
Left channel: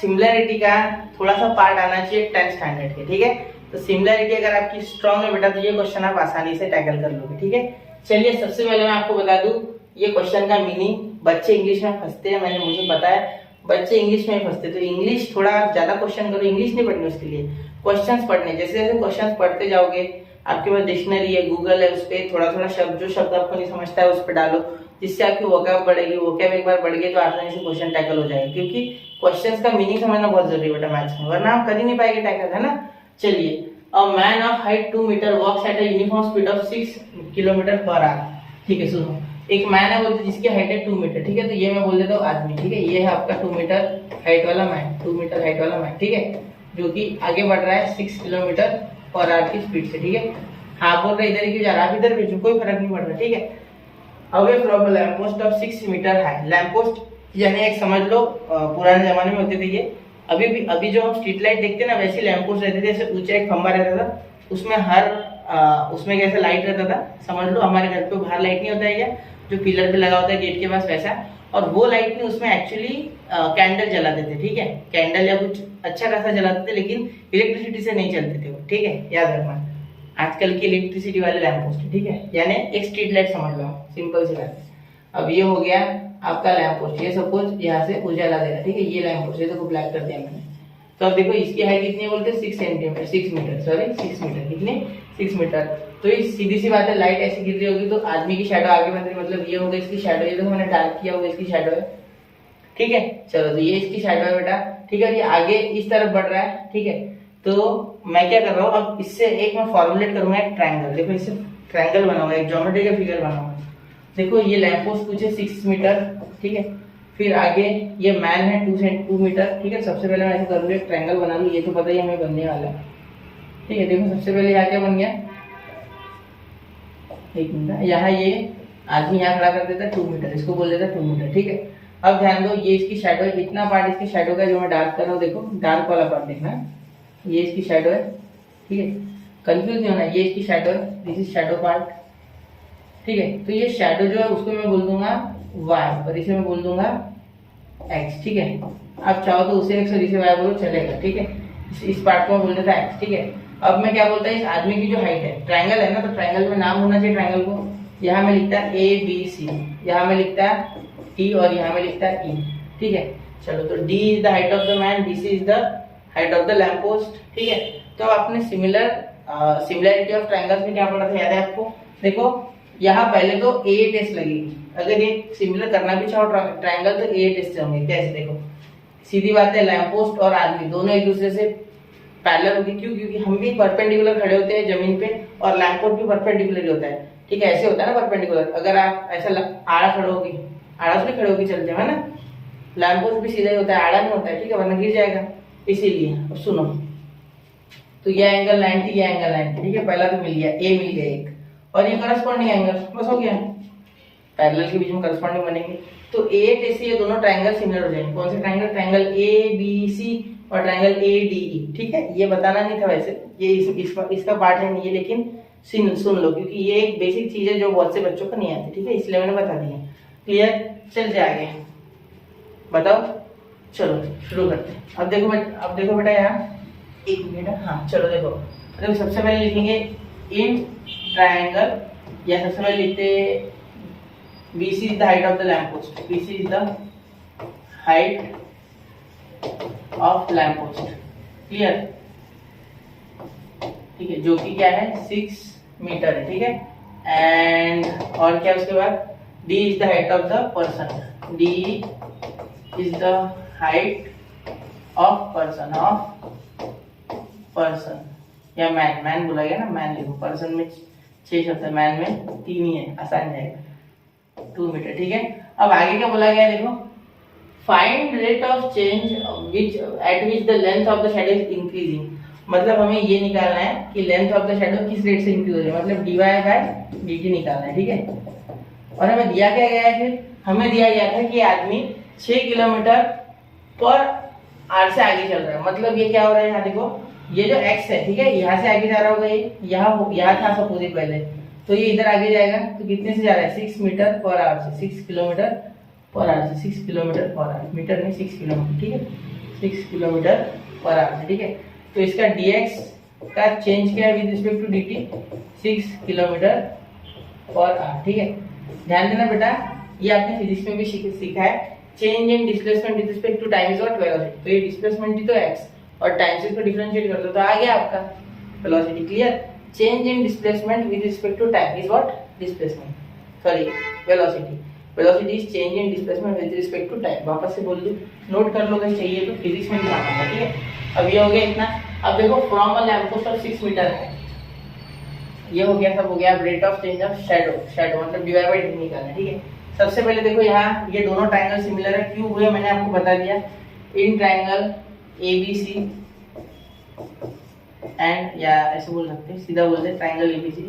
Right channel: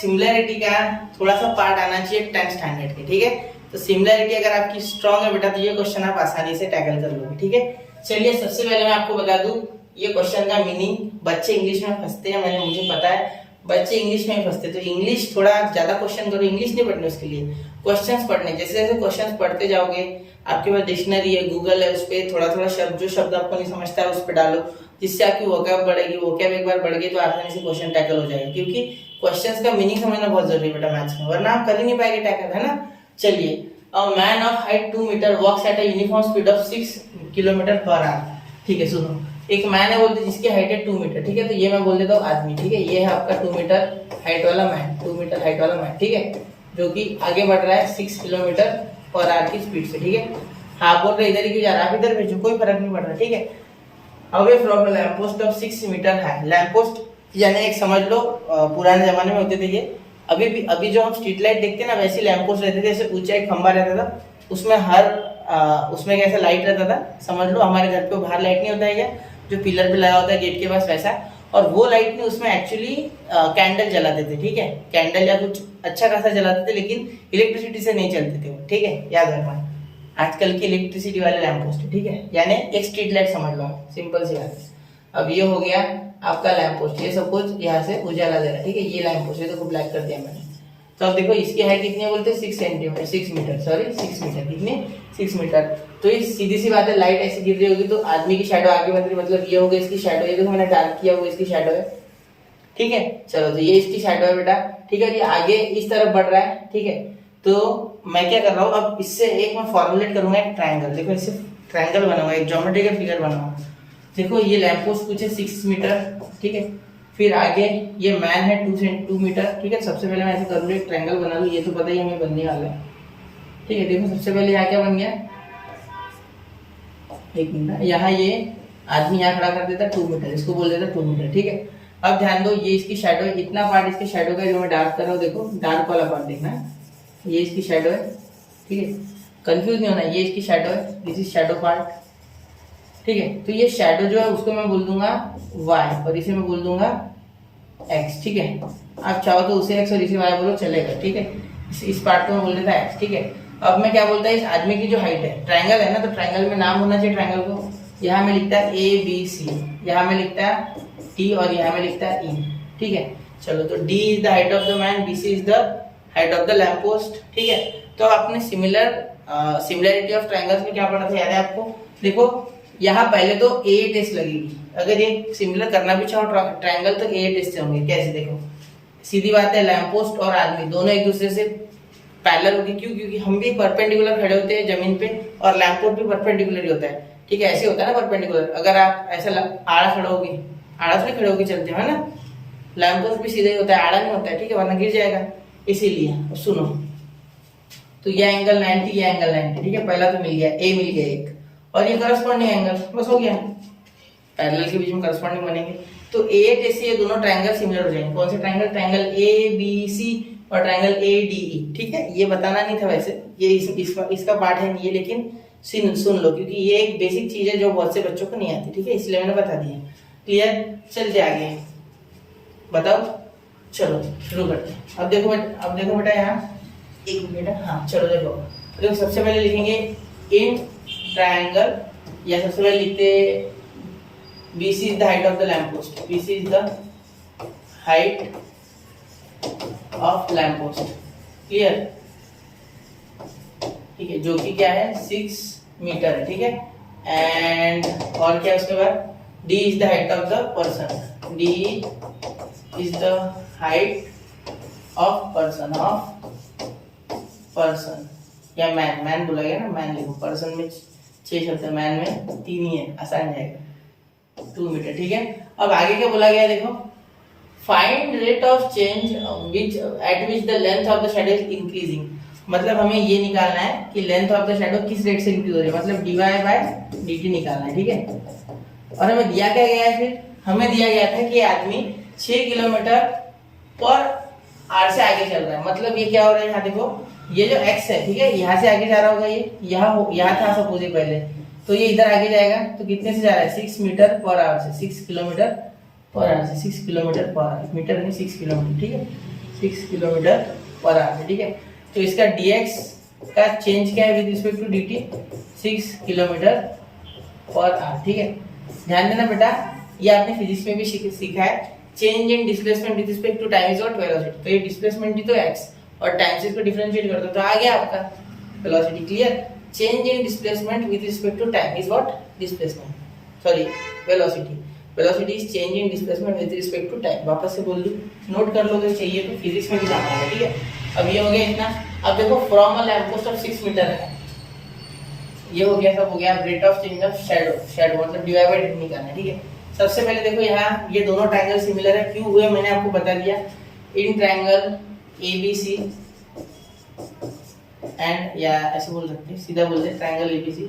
सिमिलरिटी का थोड़ा सा पार्ट आना चाहिए 10th स्टैंडर्ड के, ठीक है। तो सिमिलरिटी अगर आपकी स्ट्रांग है बेटा तो ये क्वेश्चन आप आसानी से टैकल कर लोगे, ठीक है। चलिए सबसे पहले मैं आपको बता दूं ये क्वेश्चन का मीनिंग। बच्चे इंग्लिश में फंसते हैं, मुझे पता है बच्चे इंग्लिश में फंसते, तो इंग्लिश थोड़ा ज्यादा क्वेश्चन करो, इंग्लिश नहीं पढ़ने, उसके लिए क्वेश्चंस पढ़ने। जैसे जैसे क्वेश्चंस पढ़ते जाओगे आपके पास डिक्शनरी है, गूगल है, उस पर थोड़ा थोड़ा शब्द, जो शब्द आपको नहीं समझता है उस पर डालो, जिससे आपकी वोकैब बढ़ेगी। वोकैब एक बार बढ़ गई तो आसानी से क्वेश्चन टैकल हो जाएगा, क्योंकि क्वेश्चंस का मीनिंग समझना बहुत जरूरी है बेटा मैथ्स में, वरना आप कर ही नहीं पाएंगे टैकल, है ना। चलिए, a man of height 2 metre walks at a uniform speed of 6 kilometre per hour. ठीक है, सुनो, एक मैन है बोलते जिसकी हाइट है 2 मीटर, ठीक है। तो ये मैं बोल देता हूँ आदमी, ठीक है। ये है आपका 2 मीटर हाइट वाला मैन, 2 मीटर हाइट वाला मैन, ठीक है, जो कि आगे बढ़ रहा है 6 किलोमीटर पर आवर की स्पीड से, ठीक है। हाँ बोल रहे इधर ही क्यों जा रहा है, आप इधर भेजो, कोई फर्क नहीं पड़ रहा, ठीक है। Away from the lamp post of 6 metre high. Lamp post यानी एक समझ लो पुराने जमाने में होते थे ये, अभी जो हम स्ट्रीट लाइट देखते हैं ना, वैसे लैंप पोस्ट रहते थे, ऐसे ऊंचा एक खंबा रहता था, उसमें उसमें कैसा लाइट रहता था, समझ लो हमारे घर पे बाहर लाइट नहीं होता है क्या, जो पिलर पे लगा होता है गेट के पास, वैसा। और वो लाइट में उसमें एक्चुअली कैंडल जलाते थे, ठीक है, कैंडल या कुछ अच्छा खासा जलाते थे, लेकिन इलेक्ट्रिसिटी से नहीं चलते थे वो, ठीक है, याद रखना। आजकल की इलेक्ट्रिसिटी वाले लैंप पोस्ट, ठीक है, यानी एक स्ट्रीट लाइट समझ लो, सिंपल सी बात है। अब ये हो गया आपका लैंप पोस्ट, ये सब कुछ यहाँ से उजाला दे रहा है, ठीक है। ये लैंप पोस्ट, ये तो ब्लैक कर दिया मैंने। तो अब देखो इसकी हाइट कितनी है बोलते हैं 6 सेंटीमीटर, 6 मीटर, सॉरी 6 मीटर, कितनी 6 मीटर। तो ये सीधी सी बात है, लाइट ऐसी गिर रही होगी तो आदमी की शैडो आगे बढ़ रही, मतलब ये होगा इसकी शैडो, ये तो मैंने डार्क किया होगा इसकी शैडो है, ठीक है। चलो, तो ये इसकी शैडो है बेटा, ठीक है। ये आगे इस तरफ बढ़ रहा है, ठीक है। तो मैं क्या कर रहा हूँ, अब इससे एक मैं फॉर्मुलेट करूंगा एक ट्रायंगल। देखो इससे ट्रायंगल बनाऊंगा, एक ज्योमेट्री का फिगर बनाऊंगा। देखो ये लैंप पोस्ट कुछ है 6 मीटर, ठीक है। फिर आगे ये मैन है 2 मीटर, ठीक है। सबसे पहले मैं ऐसे करूँगा एक ट्रायंगल बना लूँ, ये तो पता ही हमें बनने वाला है, ठीक है। देखो सबसे पहले यहाँ क्या बन गया, एक मिनट, यहाँ ये आदमी यहाँ खड़ा कर देता 2 मीटर, इसको बोल देता 2 मीटर, ठीक है। अब ध्यान दो, ये इसकी शैडो है, इतना पार्ट इसकी शैडो का जो मैं डार्क कर रहा हूँ, देखो डार्क वाला पार्ट देखना, ये इसकी शैडो है, ठीक है, कंफ्यूज नहीं होना, ये इसकी शैडो है, दिस इज शैडो पार्ट, ठीक है। तो ये शैडो जो है उसको मैं बोल दूंगा y और इसे मैं बोल दूंगा x, ठीक है। आप चाहो तो उसे x और इसे y बोलो, चलेगा, ठीक है। इस पार्ट को मैं बोल देता x, ठीक है। अब मैं क्या बोलता है, इस आदमी की जो हाइट है, ट्रायंगल है ना, तो ट्रायंगल में नाम होना चाहिए ट्रायंगल को। यहाँ में लिखता है ABC, यहाँ में लिखता है T और यहाँ में लिखता है E, ठीक है। चलो, तो D is the height of the man, BC is the height of the lamp post, ठीक है। तो आपने सिमिलरिटी ऑफ ट्रायंगल्स में क्या पढ़ा था, याद है आपको? देखो यहाँ पहले तो A टेस्ट लगेगी, अगर ये सिमिलर करना भी चाहो ट्रायंगल तो A टेस्ट होंगे। कैसे? देखो सीधी बात है, लैंप पोस्ट और आदमी दोनों एक दूसरे से पैरेलल होगी, क्यों? क्योंकि हम भी परपेंडिकुलर खड़े होते हैं जमीन पे और लैंप पोस्ट भी परपेंडिकुलर ही होता है, ठीक है। ऐसे होता है ना परपेंडिकुलर, अगर आप ऐसा आड़ा खड़े होगी, आड़ा थोड़ी खड़े होगी चलते हैं ना, लैंप पोस्ट भी सीधा ही होता है, आड़ा नहीं होता है, ठीक है, वरना गिर जाएगा। इसीलिए अब सुनो, तो यह एंगल 90, यह एंगल 90, ठीक है। पहला तो मिल गया, ए मिल गया एक, और ये करस्पॉन्डिंग एंगल, बस हो गया। पैरेलल के बीच में करस्पॉन्डिंग बनेंगे तो ए ऐसे ये दोनों ट्रायंगल सिमिलर हो जाएंगे। कौन से triangle? Triangle A B C और ट्रायंगल ए डी ई, ठीक है। ये बताना नहीं था वैसे, ये इसका पार्ट है नहीं है, लेकिन सुन लो, क्योंकि ये एक बेसिक चीज है जो बहुत से बच्चों को नहीं आती, ठीक है, इसलिए मैंने बता दिया। क्लियर? चलते आगे, बताओ, चलो शुरू करते हैं। अब देखो बेटा यहाँ एक मिनट, हाँ चलो देखो सबसे पहले लिखेंगे इन ट्रायंगल, या सबसे पहले लिखते BC is the height of the lamppost, BC is the height of lamppost, clear? ठीक है, जो कि क्या है 6 मीटर है, ठीक है। एंड और क्या उसके बाद D is the height of the person, D is the height of person या मैन बोला गया ना, मैन लिखो, पर्सन में 6 शब्द है, मैन में 3 ही है, आसान जाएगा, 2 मीटर, ठीक है। अब आगे क्या बोला गया है देखो, find rate of change at which the length of the shadow is increasing. मतलब हमें ये निकालना है कि लेंथ ऑफ द शैडो किस रेट से इंक्रीज हो रही है, मतलब dy बाय dt निकालना है, ठीक है। और हमें दिया क्या गया है, फिर हमें दिया गया था कि आदमी 6 किलोमीटर पर आवर से आगे चल रहा है। मतलब ये क्या हो रहा है, यहाँ देखो ये जो x है, ठीक है, यहाँ से आगे जा रहा होगा, ये यहाँ था सपोज पहले, तो ये इधर आगे जाएगा, तो कितने से जा रहा है 6 मीटर पर आवर से, 6 किलोमीटर पर आवर से, 6 किलोमीटर पर आवर, मीटर नहीं 6 किलोमीटर, ठीक है, 6 किलोमीटर पर आवर से, ठीक है। तो इसका dx का चेंज क्या है with respect to dt, 6 kilometre per hour, ठीक है। ध्यान देना बेटा, ये आपने फिजिक्स में भी सीखा है, change in displacement with respect to time is what velocity. तो ये डिस्प्लेसमेंट ही तो x और टाइम से इसको डिफरेंशिएट कर दो तो आ गया आपका velocity, clear. Change in displacement with respect to time is what displacement, sorry velocity is change in displacement with respect to time. वापस से बोल दूं, नोट कर लो अगर चाहिए तो, फिजिक्स में भी काम आएगा, ठीक है। अब ये हो गया इतना। अब देखो from a lamp post of 6 metre है, ये हो गया, सब हो गया। Rate of change of shadow मतलब dy बाय dt निकालना है, ठीक है। सबसे पहले देखो यहाँ ये दोनों ट्रायंगल सिमिलर है, क्यों हुए मैंने आपको बता दिया। इन ट्रायंगल ABC एंड, या ऐसे बोल सकते हैं, सीधा बोल दे ट्रायंगल ABC,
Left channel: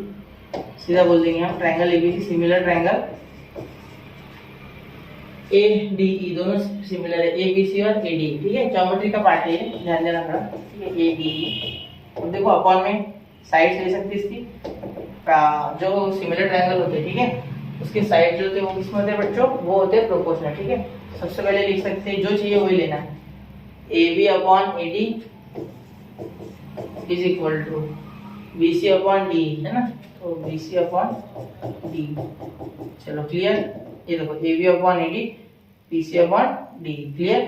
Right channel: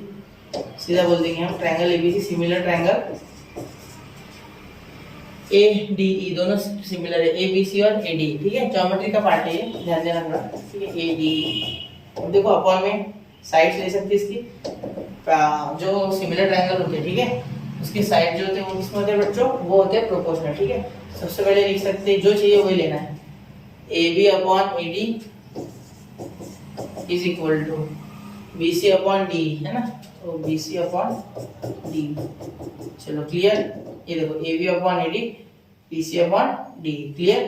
सीधा बोल देंगे हम triangle ABC similar triangle ADE, दोनों सिमिलर है, ABC और ADE, ठीक है। ज्योमेट्री का पार्ट है ये, ध्यान देना थोड़ा, ठीक है, ADE। अब देखो अपॉन में साइड्स ले सकते इसकी, जो सिमिलर ट्रायंगल होते हैं, ठीक है, उसके साइड जो होते हैं वो किसमें होते हैं बच्चों, वो होते हैं प्रोपोर्शनल, ठीक है। सबसे पहले लिख सकते हैं, जो चाहिए वही लेना है, AB upon AD is equal to BC upon D, है ना, तो BC अपॉन D। चलो क्लियर, ये देखो AB upon AD, BC upon D, clear.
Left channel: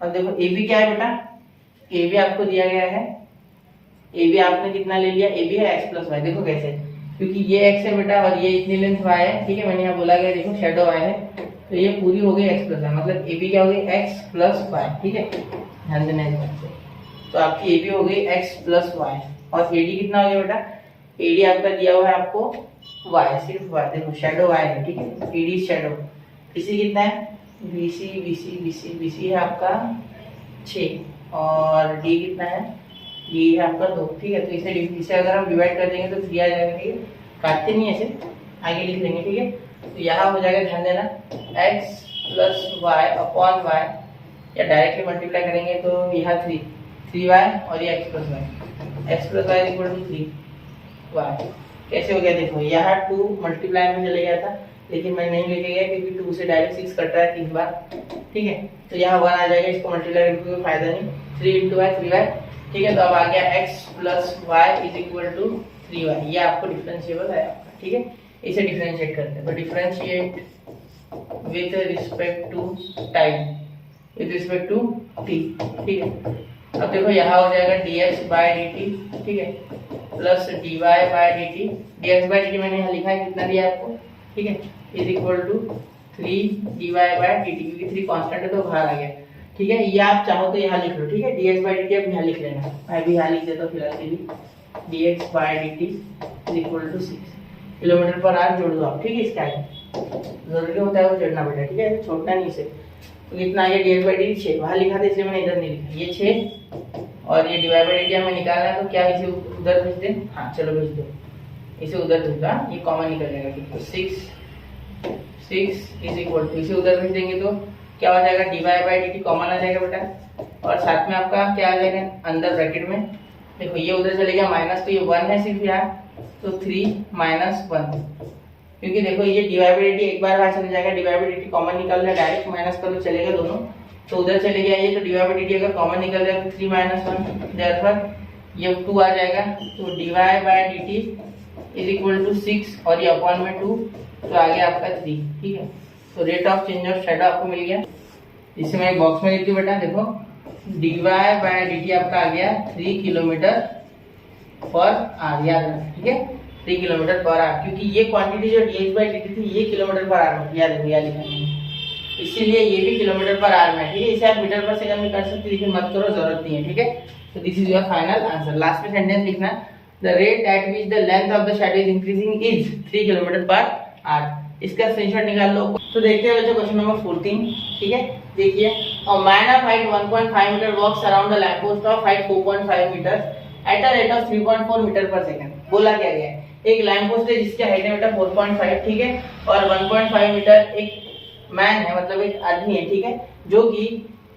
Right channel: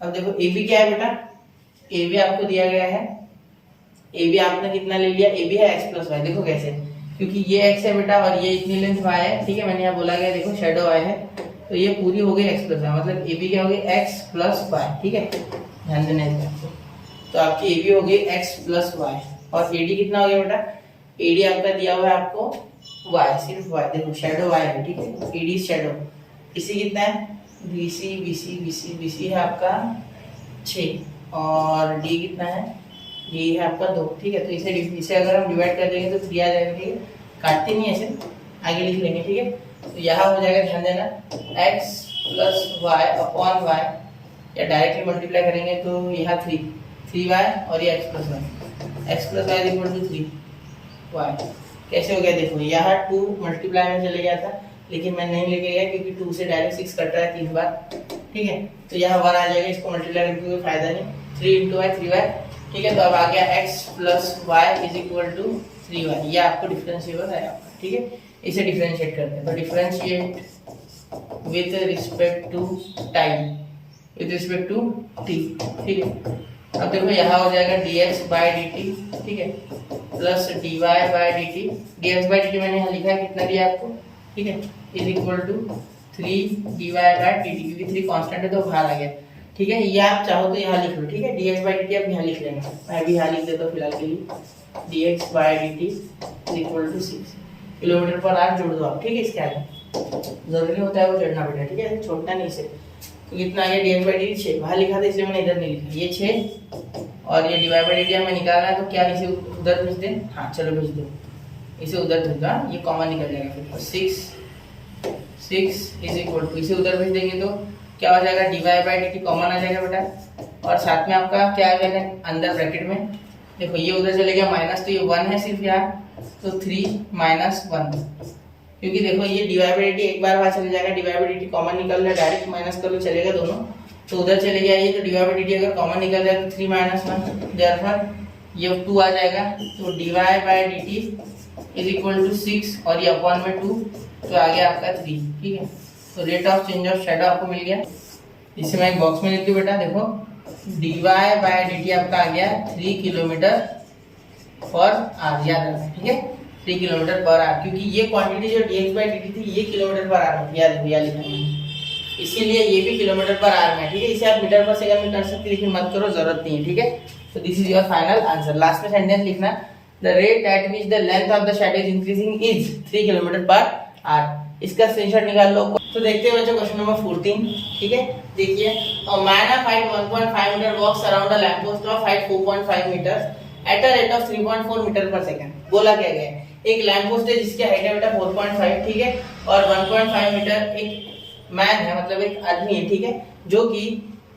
अब देखो AB क्या है बेटा, AB आपको दिया गया है, AB आपने कितना ले लिया, AB है x प्लस वाई। देखो कैसे, क्योंकि ये x है बेटा और ये इतनी लेंथ y है, ठीक है। मैंने यहाँ बोला गया देखो शेडो y है, तो ये पूरी हो गई x प्लस वाई, मतलब AB क्या हो गई x प्लस वाई, ठीक है, ध्यान देना इस बात को। तो आपकी AB हो गई x प्लस वाई, और AD कितना हो गया बेटा, AD आपका दिया हुआ है आपको y, सिर्फ y, देखो शेडो y है, ठीक है, AD शेडो। इसी कितना है BC है आपका 6 और D कितना है, D है आपका 2, ठीक है। तो इसे अगर हम डिवाइड कर देंगे तो 3 आ जाएगा, ठीक है, काटते नहीं ऐसे, आगे लिख लेंगे, ठीक है। तो यहाँ हो जाएगा, ध्यान देना, x plus y upon y, या डायरेक्टली मल्टीप्लाई करेंगे तो यहाँ 3y और ये x plus y equal to 3y। कैसे हो गया देखो, यहाँ 2 मल्टीप्लाई में चले गया था, लेकिन मैं नहीं लेके गया क्योंकि 2 से डायरेक्ट 6 कट रहा है 3 बार, ठीक है। तो यहाँ 1 आ जाएगा, इसको मल्टीप्लाई करके कोई फायदा नहीं, 3 इंटू वाई 3y, ठीक है। तो अब आ गया x plus y is equal to 3y, ये आपको डिफरेंशिएबल है आपका, ठीक है। इसे डिफरेंशिएट करते हैं, तो differentiate with respect to time, with respect to t, ठीक है। अब देखो यहाँ हो जाएगा dx बाय dt, ठीक है, plus dy by dt, dx by dt मैंने यहाँ लिखा है, कितना दिया आपको, ठीक है, is equal to 3 dy by dt, क्योंकि 3 कांस्टेंट है तो बाहर आ गया, ठीक है। ये आप चाहो तो यहाँ लिख लो, ठीक है, dx बाय dt आप यहाँ लिख लेना, मैं भी यहाँ लिख देता हूँ फिलहाल के लिए, dx by dt is equal to 6 kilometre per hour, जोड़ दो आप, ठीक है। इसके आगे जरूरी होता है वो जोड़ना बेटा, ठीक है, छोड़ना नहीं इसे। तो कितना आ गया D x by D T 6, वहाँ लिखा था इसलिए मैंने इधर नहीं लिखा, ये 6 और ये डिवाइड बाई डी टी हमें निकालना है, तो क्या इसे उधर भेज दें? हाँ चलो भेज दो, इसे उधर भेज दो, ये कॉमन निकल जाएगा फिर, तो 6 इज इक्वल टू, इसे उधर भेज देंगे तो क्या हो जाएगा, divide by D T common आ जाएगा बेटा, और साथ में आपका क्या आ जाएगा अंदर ब्रैकेट में, देखो ये उधर चले गया माइनस, तो ये 1 है सिर्फ यहाँ, तो 3 माइनस 1, क्योंकि देखो ये डिवाइड बाई डी टी एक बार बाहर चले जाएगा, divide by D T common निकल रहा है, डायरेक्ट माइनस कर लो चलेगा दोनों, तो उधर चले गया ये, तो डिवाइड बाई डी टी अगर कॉमन निकल रहा है तो 3 माइनस 1, देयरफॉर ये 2 आ जाएगा, तो divide by D t is equal to 6 और ये अपॉन में 2, तो आ गया आपका 3, ठीक है। तो rate of change of shadow आपको मिल गया, इसे मैं एक बॉक्स में लिख दूं बेटा, देखो डिवाइड बाई डी टी आपका आ गया 3 किलोमीटर पर आवर, याद रखना, ठीक है 3 किलोमीटर पर आवर, क्योंकि ये क्वांटिटी जो D x by D T थी ये किलोमीटर पर आवर, याद रखो, याद लिखा मैंने, इसीलिए ये भी किलोमीटर पर आवर में, ठीक है। इसे आप मीटर पर सेकंड में कर सकते हैं, लेकिन मत करो, जरूरत नहीं है, ठीक है। तो this is your final answer. Last में सेंटेंस लिखना, the rate at which the length of the shadow is increasing is 3 kilometre per our, इसका स्क्रीनशॉट निकाल लो। तो देखते हैं बच्चों क्वेश्चन नंबर 14, ठीक है, देखिए, a man of height 1.5 metre walks around a lamp post of height 4.5 metre at a rate of 3.4 metre per second. बोला क्या गया है, एक लैंप पोस्ट है जिसकी हाइट है बेटा 4.5, ठीक है, और 1.5 मीटर एक मैन है, मतलब एक आदमी है, ठीक है, जो कि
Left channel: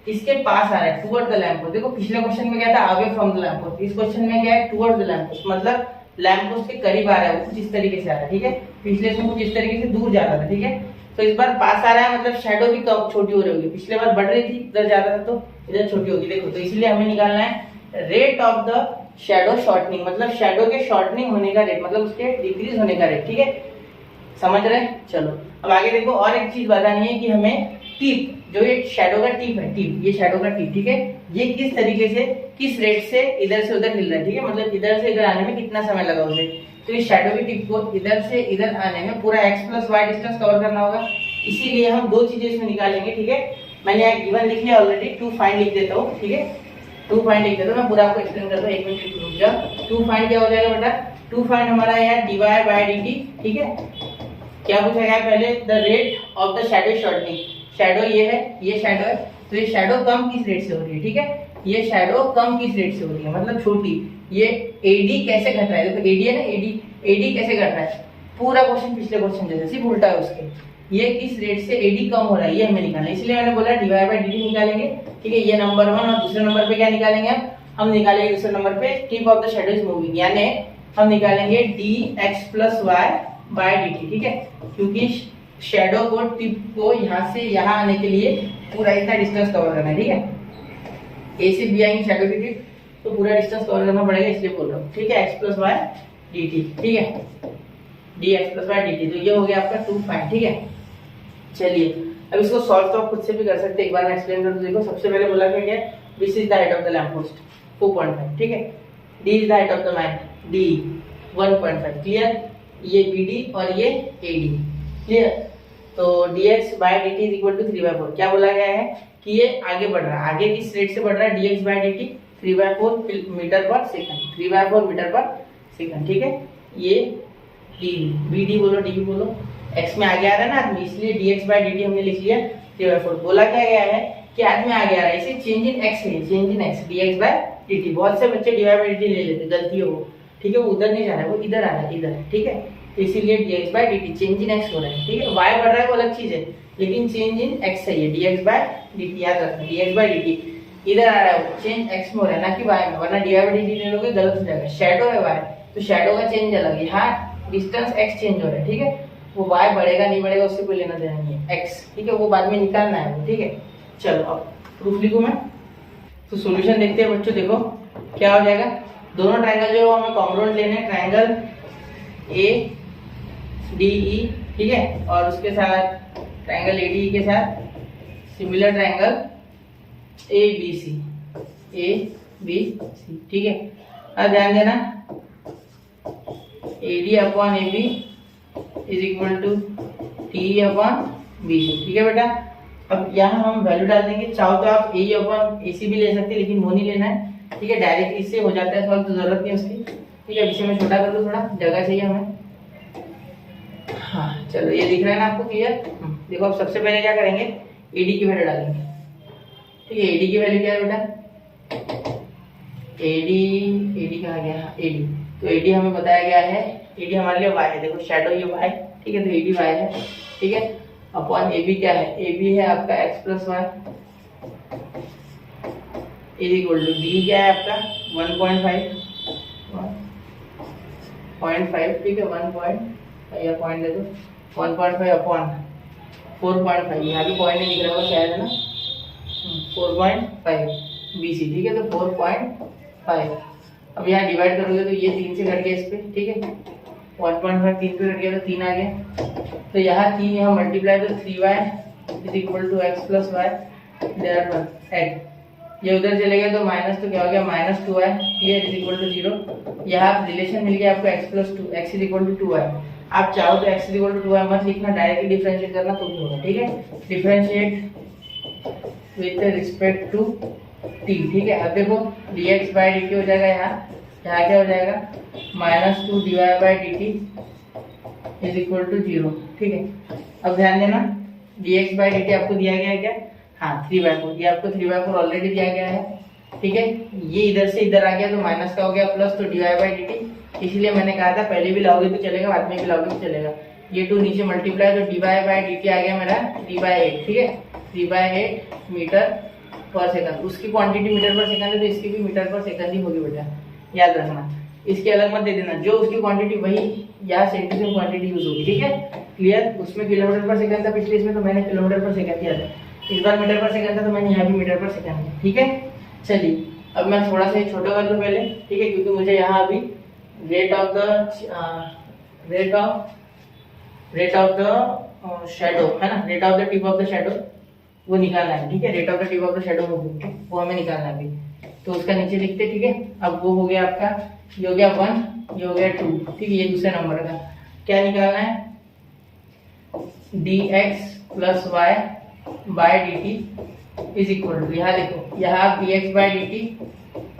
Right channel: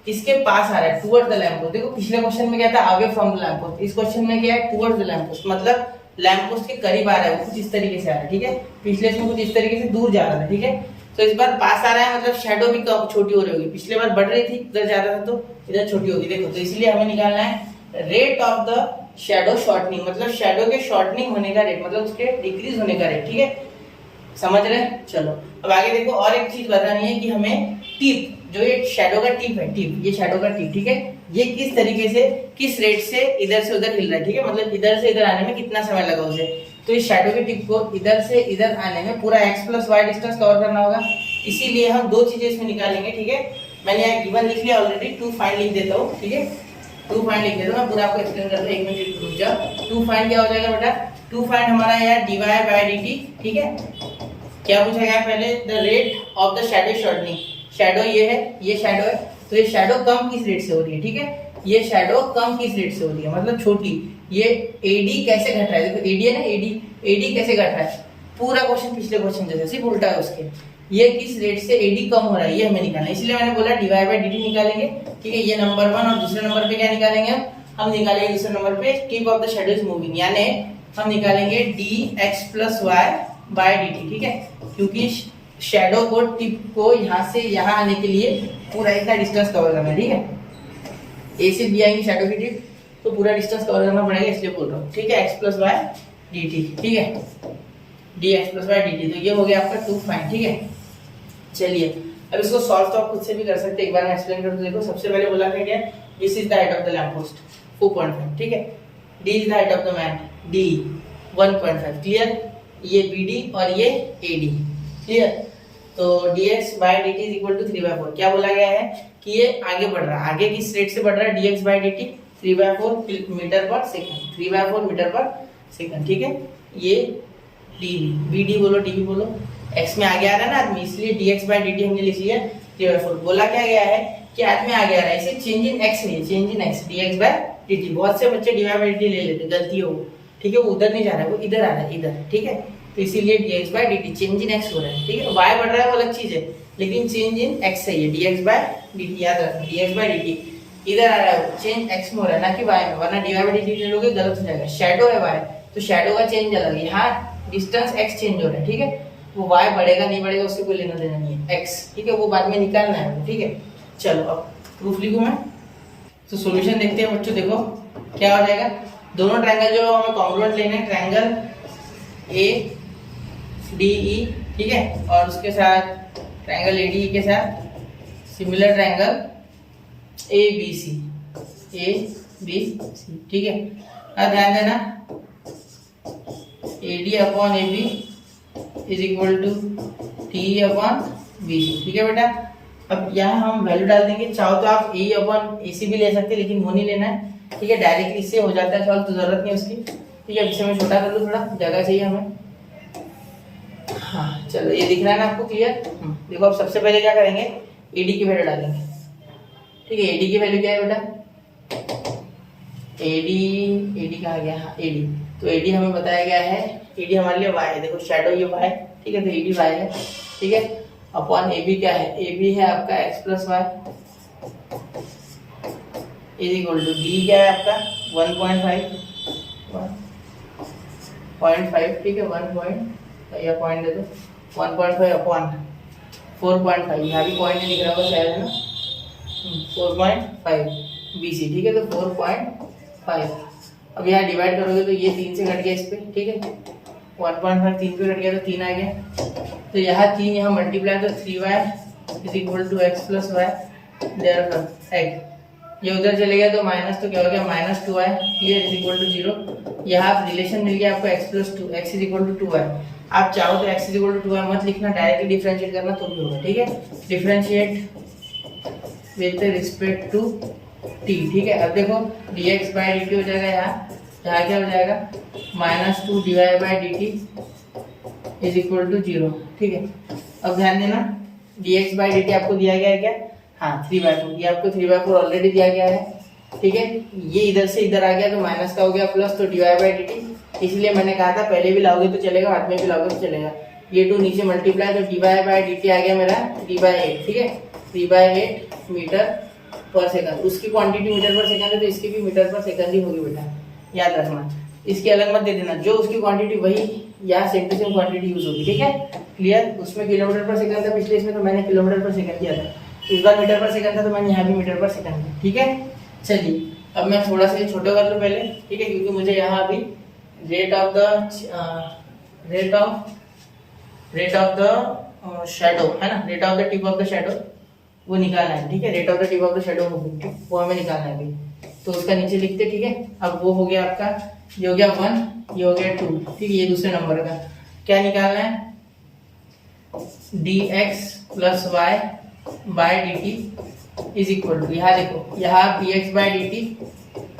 इसके पास आ रहा है टुवर्ड्स द लैंप पोस्ट। देखो पिछले क्वेश्चन में क्या था, away from the lamp post, इस क्वेश्चन में क्या है, टुवर्ड्स द लैंप पोस्ट, मतलब लैंप पोस्ट के करीब आ रहा है, वो कुछ इस तरीके से आ रहा है, ठीक है, पिछले इसमें कुछ इस तरीके से दूर जा रहा है, ठीक है। तो इस बार पास आ रहा है, मतलब शैडो भी कम छोटी हो रही होगी, पिछले बार बढ़ रही थी, इधर ज्यादा था तो इधर छोटी होगी, देखो, तो इसलिए हमें निकालना है rate of the shadow shortening, मतलब शैडो के शॉर्टनिंग होने का रेट, मतलब उसके डिक्रीज होने का रेट, ठीक है, समझ रहे हैं। चलो अब आगे देखो, और एक चीज बतानी है कि हमें टिप, जो ये शैडो का टिप है, टिप, ये शैडो का टिप, ठीक है, ये किस तरीके से किस रेट से इधर से उधर हिल रहा है, ठीक है, मतलब इधर से इधर आने में कितना समय लगा उसे, तो इस शैडो की टिप को इधर से इधर आने में पूरा x plus y distance cover करना होगा, इसीलिए हम दो चीजें इसमें निकालेंगे, ठीक है। मैंने यहाँ गिवन लिख लिया ऑलरेडी, टू फाइंड लिख देता हूँ, ठीक है, टू फाइंड लिख देता हूँ, मैं पूरा आपको एक्सप्लेन करता हूँ, एक मिनट रुक जाओ। टू फाइंड क्या हो जाएगा बेटा, टू फाइंड हमारा यहाँ डिवाइड बाय dt, ठीक है, क्या पूछा गया पहले, the rate of the shadow shortening, shadow ये है, ये शैडो है, तो ये शैडो कम किस रेट से हो रही है, ठीक है, ये शैडो कम किस रेट से हो रही है, मतलब छोटी, ये AD कैसे घट रहा है, देखो AD है ना, AD कैसे घट रहा है, पूरा क्वेश्चन पिछले क्वेश्चन जैसे सिर्फ उल्टा है उसके, ये किस रेट से AD कम हो रहा है ये हमें निकालना है, इसलिए मैंने बोला डिवाइड बाय dt निकालेंगे, ठीक है, ये नंबर 1, और दूसरे नंबर पे क्या निकालेंगे, हम निकालेंगे दूसरे नंबर पे tip of the shadow is moving, यानी हम निकालेंगे dx plus y by dt, ठीक है, क्योंकि शैडो को टिप को यहाँ से यहाँ आने के लिए पूरा इतना डिस्टेंस कवर करना है, ठीक है, A से B आएंगे शैडो की टिप, तो पूरा डिस्टेंस कवर करना पड़ेगा, इसलिए बोल रहा हूँ, ठीक है, x plus y d t, ठीक है, dx plus y d t, तो ये हो गया आपका 2 फाइंड, ठीक है। चलिए अब इसको सॉल्व तो आप खुद से भी कर सकते हैं, एक बार मैं एक्सप्लेन कर दूं। देखो सबसे पहले बोला क्या, this is the height of the lamp post 4.5, ठीक है, d is the height of the man d 1.5, clear, ये BD और ये AD, क्लियर, तो dx by dt is equal to 3/4, क्या बोला गया है कि ये आगे बढ़ रहा है, आगे किस रेट से बढ़ रहा है, dx by dt 3/4 metre per second, 3/4 metre per second, ठीक है, ये BD बोलो, DB बोलो, x में आगे आ रहा है ना आदमी, इसलिए dx बाय dt हमने लिख लिया 3/4। बोला क्या गया है कि आदमी आगे आ रहा है, इसे चेंज इन x नहीं, change in x, dx by dt, बहुत से बच्चे dy बाय dt ले लेते, गलती है वो, ठीक है, वो उधर नहीं जा रहा है, वो इधर आ रहा है, इधर, ठीक है, तो इसीलिए dx by dt change in x हो रहा है, ठीक है, y बढ़ रहा है वो अलग चीज है, लेकिन चेंज इन x सही है, dx बाय dt, याद रखना, dx बाय dt इधर आ रहा है, चेंज x में हो रहा है ना कि y में, वरना dy बाय dt ले लोगे गलत हो जाएगा, शैडो है y, तो शैडो का चेंज अलग है, यहाँ डिस्टेंस x चेंज हो रहा है, ठीक है, वो y बढ़ेगा नहीं बढ़ेगा उससे कोई लेना देना नहीं है, x, ठीक है, वो बाद में निकालना है, ठीक है। चलो अब प्रूफ लिखूं मैं, तो सॉल्यूशन देखते हैं बच्चों, देखो क्या हो जाएगा, दोनों ट्रायंगल जो हमें कॉन्ग्रुएंट लेने हैं, ट्रायंगल ADE, ठीक है, और उसके साथ ट्रायंगल ADE के साथ सिमिलर ट्रायंगल ABC, ठीक है। अब ध्यान देना AD upon AB is equal to TE upon BC, ठीक है बेटा। अब यहाँ हम वैल्यू डाल देंगे, चाहो तो आप AE अपॉन AC भी ले सकते हैं, लेकिन वो नहीं लेना है, ठीक है, डायरेक्टली इससे हो जाता है सॉल्व, तो जरूरत नहीं उसकी, ठीक है। इसे मैं छोटा कर लूँ, थोड़ा जगह चाहिए हमें, हाँ चलो ये दिख रहा है ना आपको, क्लियर। देखो अब सबसे पहले क्या करेंगे, एडी की वैल्यू डालेंगे, ठीक है। एडी की वैल्यू क्या है बेटा, एडी कहाँ गया, हाँ एडी, तो एडी हमें बताया गया है, एडी हमारे लिए वाई है, देखो शैडो ये वाई, ठीक है, तो एडी वाई है, ठीक है। अपॉन एबी क्या है, एबी है आपका x plus y is equal to d क्या है आपका 1.5, ठीक है, 1 या पॉइंट दे दो 1.5 अपॉन 4.5, यहाँ भी पॉइंट नहीं दिख रहा होगा शायद, है ना, 4.5 BC, ठीक है, तो 4.5। अब यहाँ डिवाइड करोगे तो ये 3 से कट गया इस पे, ठीक है, 1.5 3 पे कट गया तो 3 आ गया, तो यहाँ 3 यहाँ मल्टीप्लाई तो 3y is equal to x plus y, therefore x ये उधर चले गया तो माइनस, तो क्या हो गया -2y, clear, is equal to 0। यहाँ रिलेशन मिल गया आपको x plus 2, x is equal to 2y। आप चाहो तो x is equal to 2y मत लिखना, डायरेक्टली डिफरेंशिएट करना तो भी होगा, ठीक है। Differentiate with respect to t, ठीक है। अब देखो dx बाई dt हो जाएगा, यहाँ क्या हो जाएगा -2 dy by dt is equal to 0, ठीक है। अब ध्यान देना dx बाई dt आपको दिया गया है क्या, हाँ 3/4, ये आपको 3/4 ऑलरेडी दिया गया है, ठीक है। ये इधर से इधर आ गया तो माइनस का हो गया प्लस, तो dy बाई dt, इसलिए मैंने कहा था पहले भी लाओगे तो चलेगा, बाद में भी लाओगे तो चलेगा। ये 2 नीचे मल्टीप्लाई, तो dy बाई dt आ गया मेरा 3/8, ठीक है, 3/8 मीटर पर सेकंड। उसकी क्वांटिटी मीटर पर सेकंड है तो इसकी भी मीटर पर सेकंड ही होगी बेटा, याद रखना, इसके अलग मत दे देना, जो उसकी क्वांटिटी वही यहाँ same to same quantity use होगी, ठीक है, क्लियर। उसमें किलोमीटर पर सेकंड था पिछले, इसमें तो मैंने किलोमीटर पर सेकंड दिया था, इस बार मीटर पर सेकंड था तो मैंने यहाँ भी मीटर पर सेकंड दिया, ठीक है। चलिए अब मैं थोड़ा सा छोटा कर लूँ पहले, ठीक है, क्योंकि मुझे यहाँ अभी रेट ऑफ द शैडो है ना, rate of the tip of the shadow वो निकालना है, ठीक है, rate of the tip of the shadow वो हमें निकालना है अभी, तो उसका नीचे लिखते, ठीक है। अब वो हो गया आपका, ये हो गया 1, ये हो गया 2, ठीक है, ये दूसरे नंबर का क्या निकालना है, dx plus y by dt is equal to, यहाँ देखो यहाँ dx by dt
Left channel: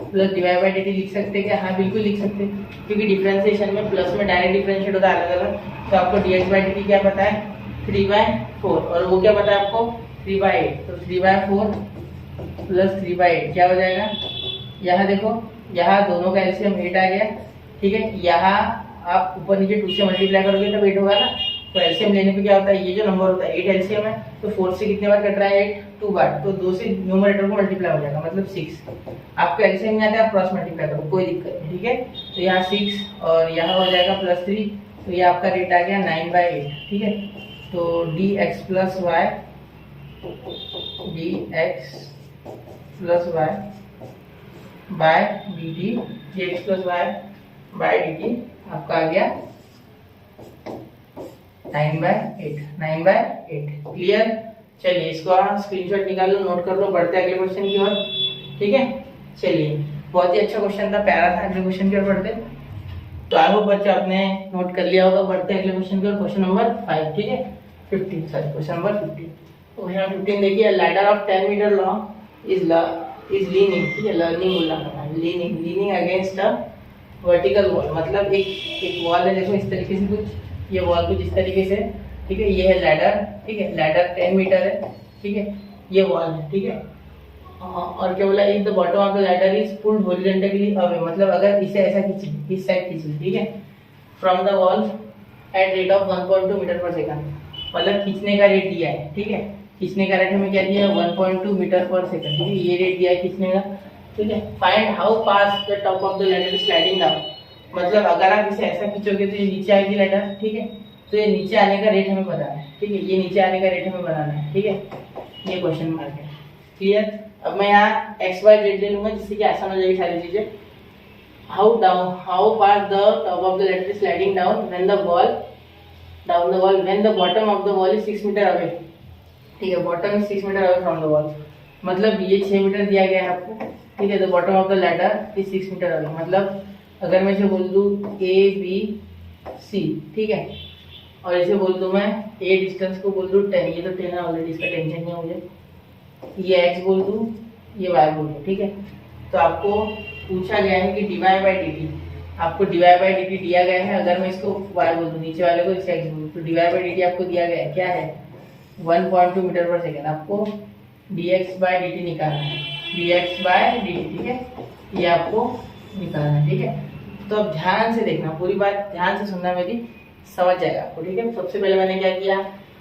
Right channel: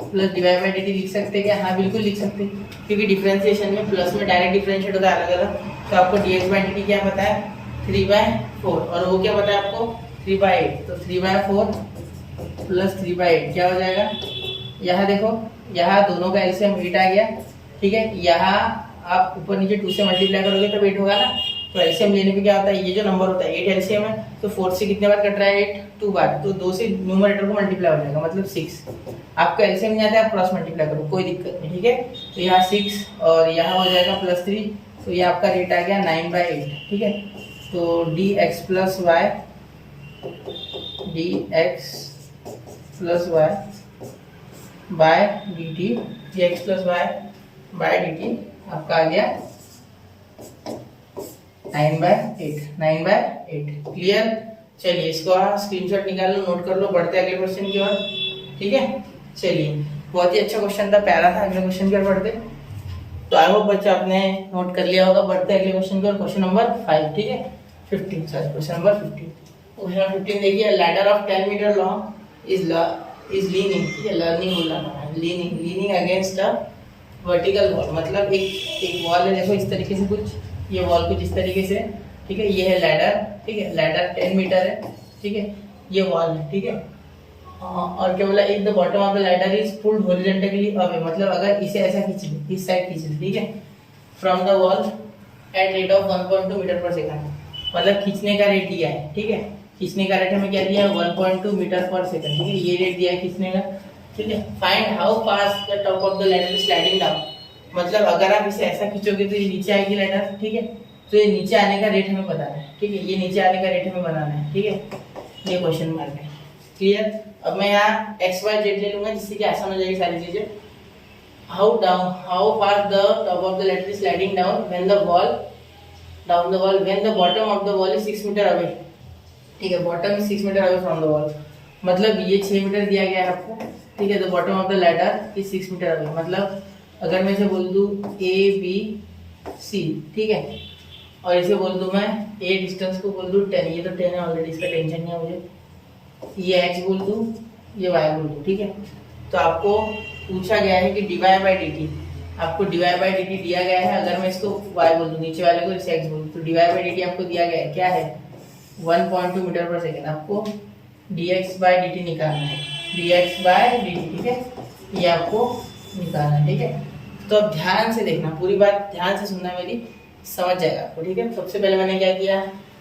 plus dy by dt लिख सकते हैं क्या, हाँ बिल्कुल लिख सकते हैं, क्योंकि डिफरेंशिएशन में प्लस में डायरेक्ट डिफरेंशिएट होता है अलग अलग, तो आपको dx बाय dt क्या पता है 3/4, और वो क्या पता है आपको 3/8, तो 3/4 प्लस 3/8 क्या हो जाएगा, यहाँ देखो यहाँ दोनों का एलसीएम 8 आ गया, ठीक है। यहाँ आप ऊपर नीचे 2 से मल्टीप्लाई करोगे तब 8 होगा ना, तो एलसीएम लेने पे क्या होता है, ये जो नंबर होता है 8 एलसीएम है, तो 4 से कितने बार कट रहा है 8 2 बार, तो 2 से न्यूमरेटर को मल्टीप्लाई हो जाएगा, मतलब 6। आपको एलसीएम नहीं आता है, आप क्रॉस मल्टीप्लाई करो, कोई दिक्कत नहीं, ठीक है। तो यहाँ 6 और यहाँ हो जाएगा +3, तो ये आपका रेट आ गया 9/8, ठीक है। तो dx plus y by dt, dx plus y by dt आपका आ गया 9/8, क्लियर। चलिए इसको स्क्रीनशॉट निकाल लो, नोट कर लो, बढ़ते अगले क्वेश्चन की ओर, ठीक है। चलिए बहुत ही अच्छा क्वेश्चन था, प्यारा था, अगले क्वेश्चन की ओर बढ़ते। तो आई होप बच्चे आपने नोट कर लिया होगा, बढ़ते अगले क्वेश्चन की ओर, क्वेश्चन नंबर 5, ठीक है, 15 सॉरी, क्वेश्चन नंबर 15। क्वेश्चन 15 देखिए, ladder of 10 metre long is leaning, ठीक है, leaning against a vertical wall, मतलब एक वॉल है, देखो इस तरीके से कुछ, ये वॉल कुछ इस तरीके से, ठीक है, ये है लैडर, ठीक है, लैडर 10 मीटर है, ठीक है, ये वॉल है, ठीक है। और क्या बोला, if the bottom of the ladder is pulled horizontally away, मतलब अगर इसे ऐसा खींच ले, इस साइड खींच ले, ठीक है, from the wall at rate of 1.2 metre per second, मतलब खींचने का रेट दिया है, ठीक है, खींचने का रेट हमें क्या दिया है 1.2 मीटर पर सेकंड, ठीक है, ये रेट दिया है खींचने का, ठीक है। Find how fast the top of the ladder is sliding down, मतलब अगर आप इसे ऐसा खींचोगे तो ये नीचे आएगी लैडर, ठीक है, तो ये नीचे आने का रेट हमें बताना है, ठीक है, ये नीचे आने का रेट हमें बनाना है, ठीक है, ये क्वेश्चन मार्क है, क्लियर। अब मैं यहाँ x y z ले लूंगा जिससे कि आसान हो जाएगी सारी चीजें। How fast the top of the ladder is sliding down when the bottom of the wall is 6 metre away, ठीक है, bottom is 6 metre away from the wall, मतलब ये 6 मीटर दिया गया है आपको, ठीक है। The bottom of the ladder is 6 metre away, मतलब अगर मैं इसे बोल दूं ABC, ठीक है, और इसे बोल दूं मैं A डिस्टेंस को बोल दूं 10, ये तो 10 है ऑलरेडी, इसका टेंशन नहीं है मुझे, ये x बोल दूं, ये y बोल दूं, ठीक है। तो आपको पूछा गया है कि dy बाई dt, आपको dy बाई dt दिया गया है, अगर मैं इसको y बोल दूं, नीचे वाले को इसे x बोल दूं, तो dy बाई dt आपको दिया गया है क्या है 1.2 मीटर पर सेकेंड। आपको dx बाई dt निकालना है, dx बाई dt, ठीक है, ये आपको निकालना है, ठीक है। तो अब ध्यान से देखना, पूरी बात ध्यान से सुनना मेरी, समझ जाएगा आपको, ठीक है। सबसे पहले मैंने क्या किया,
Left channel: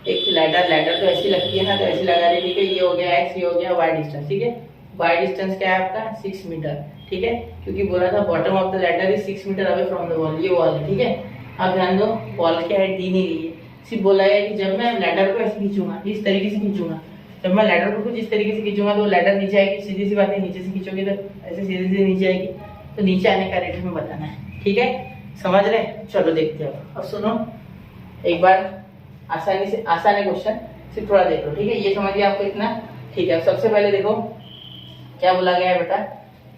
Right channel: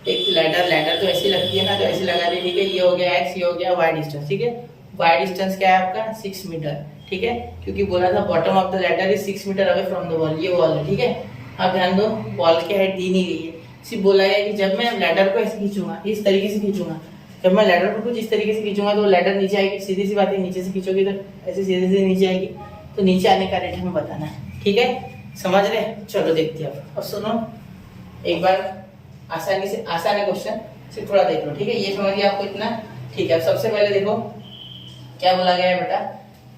एक लैडर तो ऐसी लगती है ना, तो ऐसी लगा दी, ठीक है। ये हो गया x, ये हो गया y डिस्टेंस, ठीक है। y डिस्टेंस क्या है आपका 6 मीटर, ठीक है, क्योंकि बोला था bottom of the ladder is 6 metre away from the wall, ये वॉल है, ठीक है। अब ध्यान दो, वॉल की हाइट दी नहीं गई है, सिर्फ बोला है कि जब मैं लैडर को ऐसे खींचूंगा, इस तरीके से खींचूंगा, जब मैं लैडर को कुछ इस तरीके से खींचूंगा तो लैडर नीचे आएगी, सीधी सी बात है, नीचे से खींचोगे तो ऐसे सीधे सीधे नीचे आएगी, तो नीचे आने का रेट हमें बताना है, ठीक है। समझ रहे, चलो देखते हैं। अब सुनो एक बार, आसानी से, आसान है क्वेश्चन, सिर्फ थोड़ा देख लो, ठीक है। ये समझिए आपको इतना, ठीक है। अब सबसे पहले देखो क्या बोला गया है बेटा,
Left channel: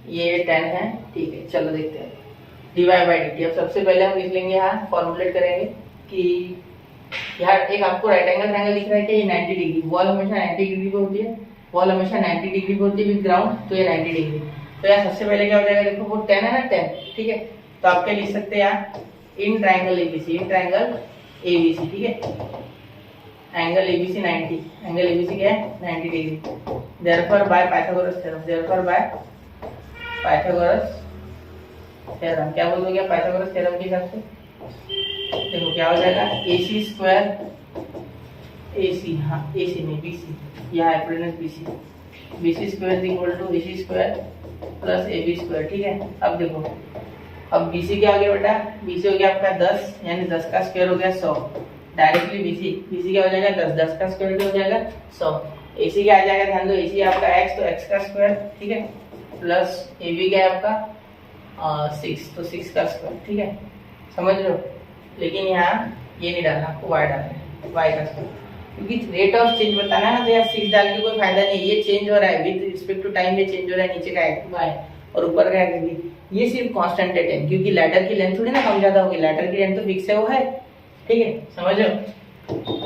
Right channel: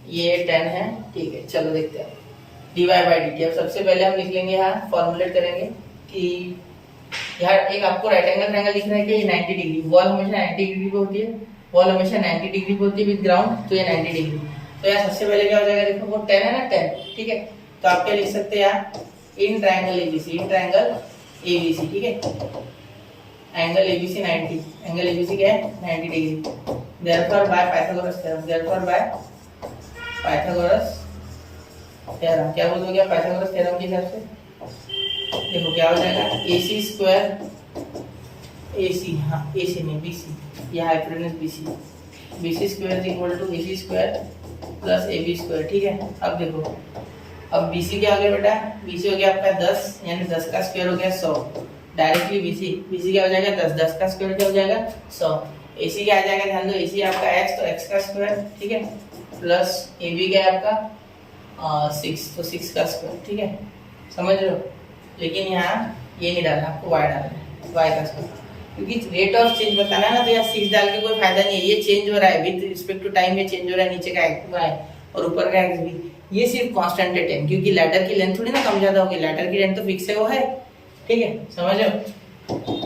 ये 10 है, ठीक है। चलो देखते हैं dy बाई dt। अब सबसे पहले हम लिख लेंगे, यहाँ फॉर्मुलेट करेंगे कि यार एक आपको राइट एंगल ट्रायंगल दिख रहा है कि ये 90 डिग्री, वॉल हमेशा 90 डिग्री पे होती है, वॉल हमेशा 90 डिग्री पे होती है विद ग्राउंड, तो ये 90 डिग्री। तो यार सबसे पहले क्या हो जाएगा, देखो वो 10 है ना, 10, ठीक है। तो आप क्या लिख सकते हैं यार, in triangle ABC, in triangle ABC, ठीक है। एंगल एबीसी 90, एंगल एबीसी क्या है 90 degree. Therefore by Pythagoras theorem, therefore by Pythagoras theorem, क्या बोल दोगे पाइथागोरस थ्योरम के हिसाब से, देखो क्या हो जाएगा, AC स्क्वायर, AC, हाँ AC नहीं BC, यह hypotenuse BC, BC square is equal to AC square plus AB square, ठीक है। अब देखो, अब BC क्या हो गया बेटा, BC हो गया आपका 10, यानी 10 का स्क्वायर हो गया 100, डायरेक्टली BC क्या हो जाएगा 10, 10 का स्क्वायर क्या हो जाएगा 100। AC क्या आ जाएगा, ध्यान दो, AC आपका x, तो x का स्क्वायर, ठीक है, प्लस AB क्या है आपका 6, तो 6 का स्क्वायर, ठीक है, समझ रहे हो। लेकिन यहाँ ये नहीं डालना, आपको y डालना है, y का स्क्वायर, क्योंकि रेट ऑफ चेंज बताना है ना, तो यार 6 डाल के कोई फायदा नहीं है, ये चेंज हो रहा है विद रिस्पेक्ट टू टाइम, ये चेंज हो रहा है, नीचे का y और ऊपर का x भी, ये सिर्फ कांस्टेंट है 10, क्योंकि लैडर की लेंथ थोड़ी ना कम ज्यादा होगी, लैडर की लेंथ तो फिक्स है, वो है, ठीक है, समझ लो।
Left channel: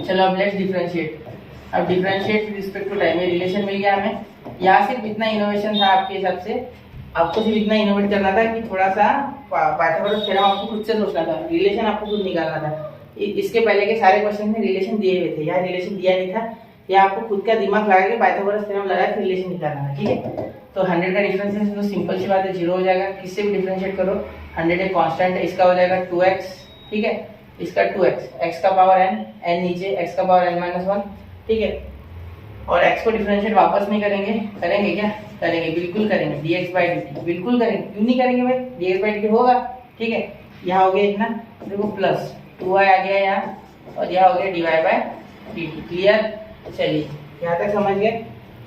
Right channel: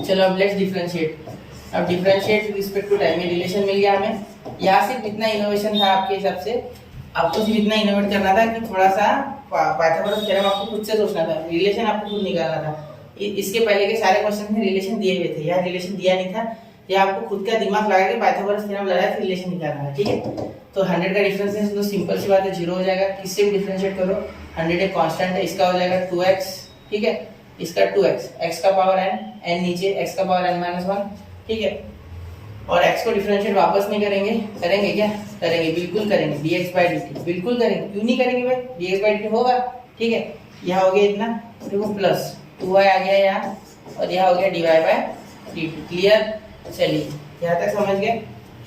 चलो अब लेट्स डिफरेंशिएट, अब डिफरेंशिएट रिस्पेक्ट टू टाइम, ये रिलेशन मिल गया हमें। यहाँ सिर्फ इतना इनोवेशन था आपके हिसाब से, आपको सिर्फ इतना इनोवेट करना था कि थोड़ा सा पाइथागोरस थ्योरम आपको खुद से सोचना था, रिलेशन आपको खुद निकालना था। इसके पहले के सारे क्वेश्चन में रिलेशन दिए हुए थे, यहाँ रिलेशन दिया नहीं था, या आपको खुद का दिमाग लगा के पाइथागोरस थ्योरम लगा के रिलेशन निकालना था, ठीक है। तो 100 का डिफरेंस है तो सिंपल सी बात है 0 हो जाएगा, किससे भी डिफरेंशिएट करो, 100 एक कांस्टेंट है, इसका हो जाएगा 2x, ठीक है, इसका 2x, x का पावर n, n नीचे, x का पावर n-1, ठीक है। और x को डिफरेंशिएट वापस नहीं करेंगे, करेंगे क्या, करेंगे, बिल्कुल करेंगे, dx बाई dt, बिल्कुल करेंगे, क्यों नहीं करेंगे भाई, dx बाई dt होगा, ठीक है। यहाँ हो गया इतना, देखो प्लस 2y आ गया यहाँ, और यहाँ हो गया dy बाई dt, क्लियर। चलिए यहाँ तक समझ गए,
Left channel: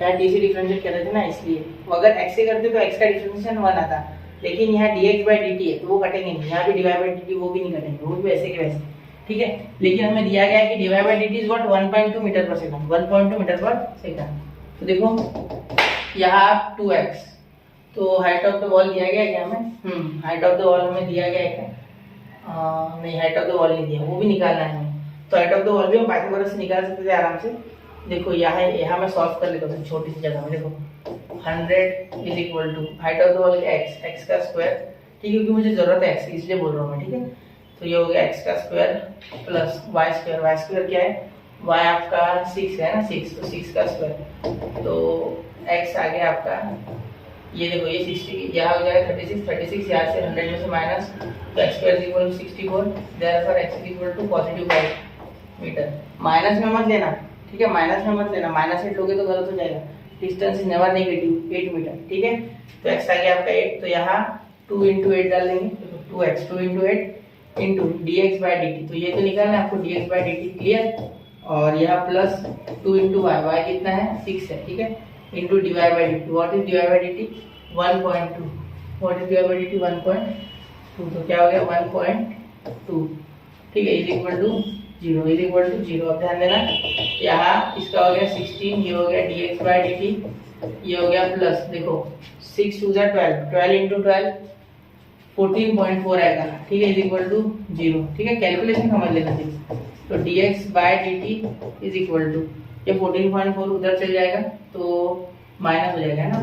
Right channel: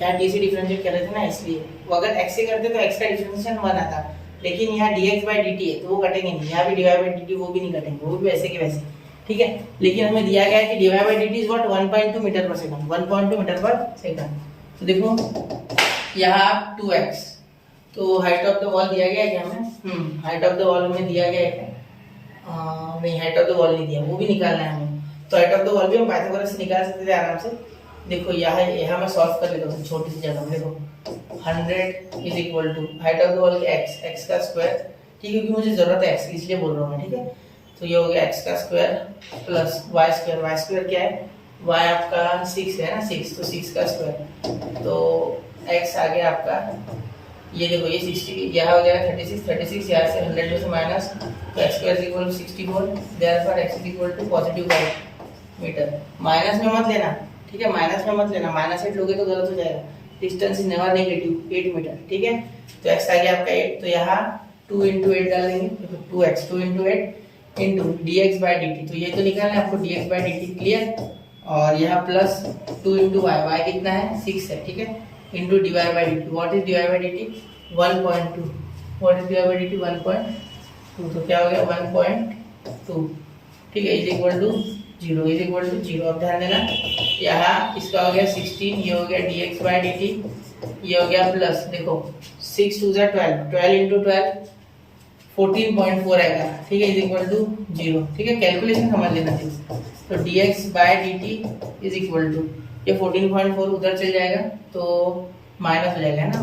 यहाँ d से डिफरेंशिएट कर रहे थे ना, इसलिए वो अगर x से करते तो x का डिफरेंशिएशन 1 आता, लेकिन यहाँ dx बाई dt है तो वो कटेंगे नहीं, यहाँ भी dy बाई dt वो भी नहीं कटेंगे, वो भी वैसे के वैसे, ठीक है। लेकिन हमें दिया गया है कि dy by dt is what 1.2 metre per second, 1.2 metre per second. तो देखो यहाँ 2x, तो हाइट ऑफ द वॉल दिया गया है क्या हमें, हाइट ऑफ द वॉल हमें दिया गया है, नहीं हाइट ऑफ द वॉल नहीं दिया, वो भी निकालना है हमें। तो हाइट ऑफ द वॉल भी हम पाइथागोरस से निकाल सकते थे आराम से। देखो यहाँ मैं सॉल्व कर लेता हूँ छोटी सी जगह में, देखो 100 is equal to height of the wall x का स्क्वायर, ठीक है, क्योंकि मुझे जरूरत है x की इसलिए बोल रहा हूँ मैं, ठीक है। तो ये हो गया x का स्क्वायर प्लस y स्क्वायर क्या है, y आपका 6 है ना, 6, तो 6 का स्क्वायर, तो x आ गया आपका, ये देखो ये 60, यहाँ हो जाएगा 36, यहाँ से 100 में से माइनस, तो x square is equal to 64, therefore x is equal to positive 5 metre. Minus में मत लेना, ठीक है, माइनस में मत लेना, -8 लोगे तो गलत हो जाएगा, distance is never negative, 8 metre, ठीक है। तो x आ गया आपका 8, तो यहाँ 2 × 8 डाल देंगे, देखो 2x 2 × 8 into dx by dt, तो ये तो निकालना है आपको dx बाई dt, क्लियर। और यहाँ प्लस 2 × y कितना है 6 है, ठीक है, into dy by dt, what is dy by dt 1.2, what is dy by dt 1.2, तो क्या हो गया 1.2, ठीक है, is equal to 0, is equal to 0। अब ध्यान देना, यहाँ इसका हो गया 16, ये हो गया dx बाई dt, ये हो गया प्लस, देखो 6 2 12, 12 × 12 14.4 आएगा, ठीक है, इज इक्वल टू 0, ठीक है, कैलकुलेशन समझ लेना चाहिए। तो dx by dt is equal to, ये 14.4 उधर चल जाएगा तो माइनस हो जाएगा ना,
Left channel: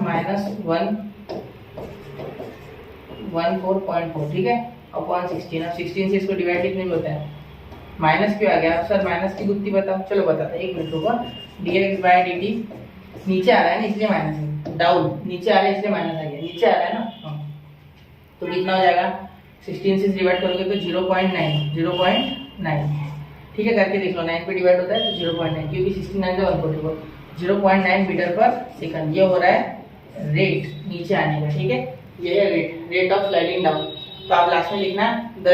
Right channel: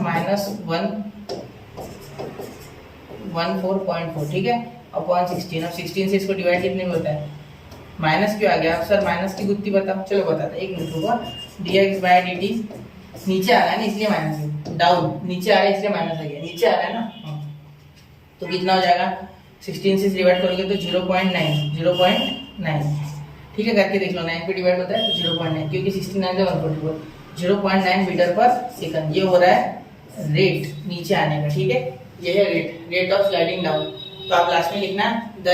-114.4, ठीक है, अपॉन 16। अब 16 से इसको डिवाइड कितने में होता है माइनस क्यों आ गया सर, माइनस की गुत्ती बताओ। चलो बताता, एक मिनट रुको। dx बाय dt नीचे आ रहा है ना इसलिए माइनस है, डाउन नीचे आ रहा है इसलिए माइनस आ गया, नीचे आ रहा है ना। तो कितना हो जाएगा, 16 से डिवाइड करोगे तो 0.9, ठीक है करके देख लो। 9 पे डिवाइड होता है तो 0.9, क्योंकि 69 से 144, 0.9 मीटर पर सेकंड। ये हो रहा है रेट नीचे आने का, ठीक है। ये है रेट ऑफ स्लाइडिंग डाउन। तो आप लास्ट में लिखना the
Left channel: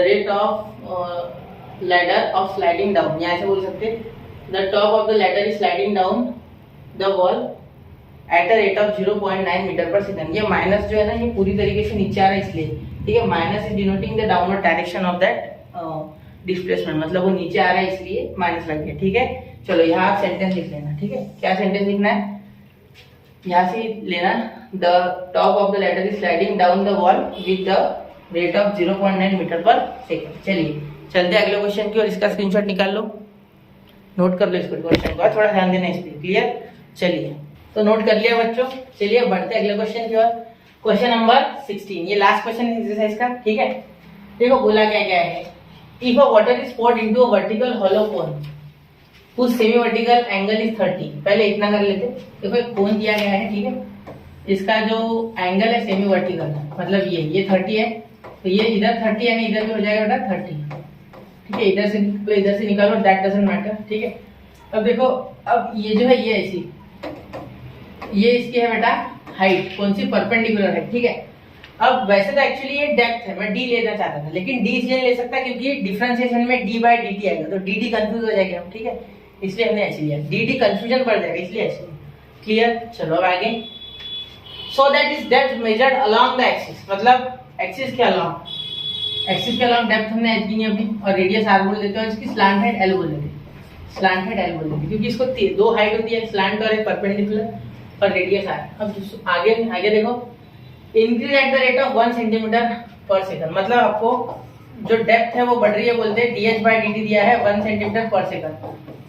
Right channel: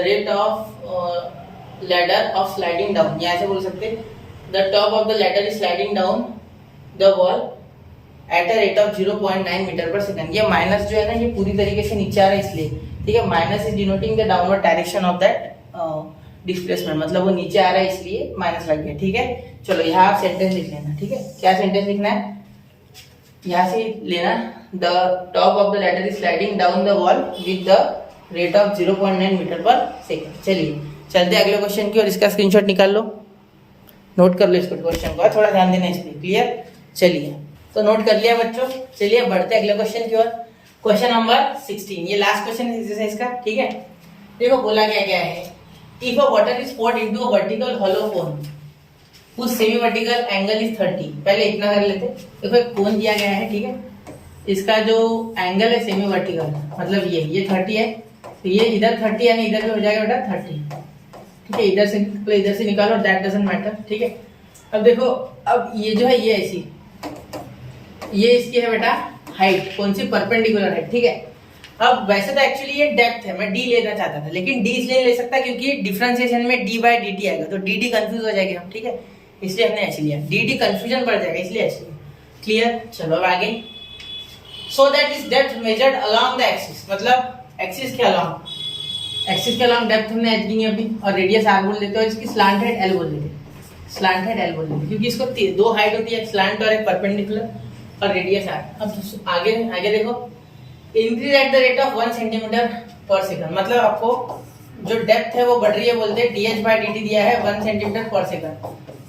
rate of ladder of sliding down, या ऐसे बोल सकते the top of the ladder is sliding down the wall at a rate of 0.9 metre per second. ये माइनस जो है ना, ये पूरी तरीके से नीचे आ रहा है इसलिए, ठीक है। Minus is denoting the downward direction of that displacement, मतलब वो नीचे आ रहा है इसलिए माइनस लग गया, ठीक है। चलो यहाँ आप सेंटेंस लिख लेना, ठीक है। क्या सेंटेंस लिखना है, यहाँ से लेना the top of the ladder is sliding down the wall with the rate of 0.9 metre per second. चलिए चलते अगले क्वेश्चन की, और इसका स्क्रीनशॉट निकाल लो, नोट कर लो इसको, क्वेश्चन का थोड़ा ध्यान देना इस पे, क्लियर। चलिए तो नोट कर लिया बच्चों, चलिए बढ़ते अगले क्वेश्चन की ओर। क्वेश्चन नंबर 16, ये लास्ट क्वेश्चन है एक्सरसाइज का, ठीक है। देखो बोला क्या क्या है, if a water is poured into a vertical hollow cone whose semi vertical angle is 30, पहले इतना कर लेते। देखो एक कोन दिया गया है, ठीक है, इसका जो एंगल है सेमी वर्टिकल, मतलब ये 30 है, तो ये इधर 30 है, इधर भी हो जाएगा बेटा 30, ठीक है। इधर से निकालो, दैट डजंट मैटर, ठीक है। अब देखो, अब ये जो है ये ऐसी, ये इसकी है बेटा हाइट, कौन सी, परपेंडिकुलर हाइट, ठीक है। अब वैसे तो एक्चुअली ये डेप्थ है, मैं डी लेना चाहता था, लेकिन डी इसलिए ले सकता क्योंकि डिफरेंशिएशन में डी बाय डी टी आएगा, तो डी डी कंफ्यूज हो जाएगा हम, ठीक है, इसलिए हमने एच लिया। डी डी कंफ्यूजन बढ़ जाएगा इसलिए एच लिया, क्लियर। चलो अब आगे, so that is depth measured along the axis, मतलब एक्सिस के अलोंग डेप्थ हमने एच दी अभी, और रेडियस आर बोल देते हैं, और इसकी स्लांट हेड एल बोल देते हैं, स्लांट हेड एल बोल देते हैं, क्योंकि इसको दो हाइट होती है, एक स्लांट और एक परपेंडिकुलर, और रेडियस आर। अब आगे देखो, increase at the rate of 1 centimetre per second, मतलब आपको जो डेप्थ है वो बढ़ रही है, बोलते हैं D H by D T दिया है 1 सेंटीमीटर पर सेकंड,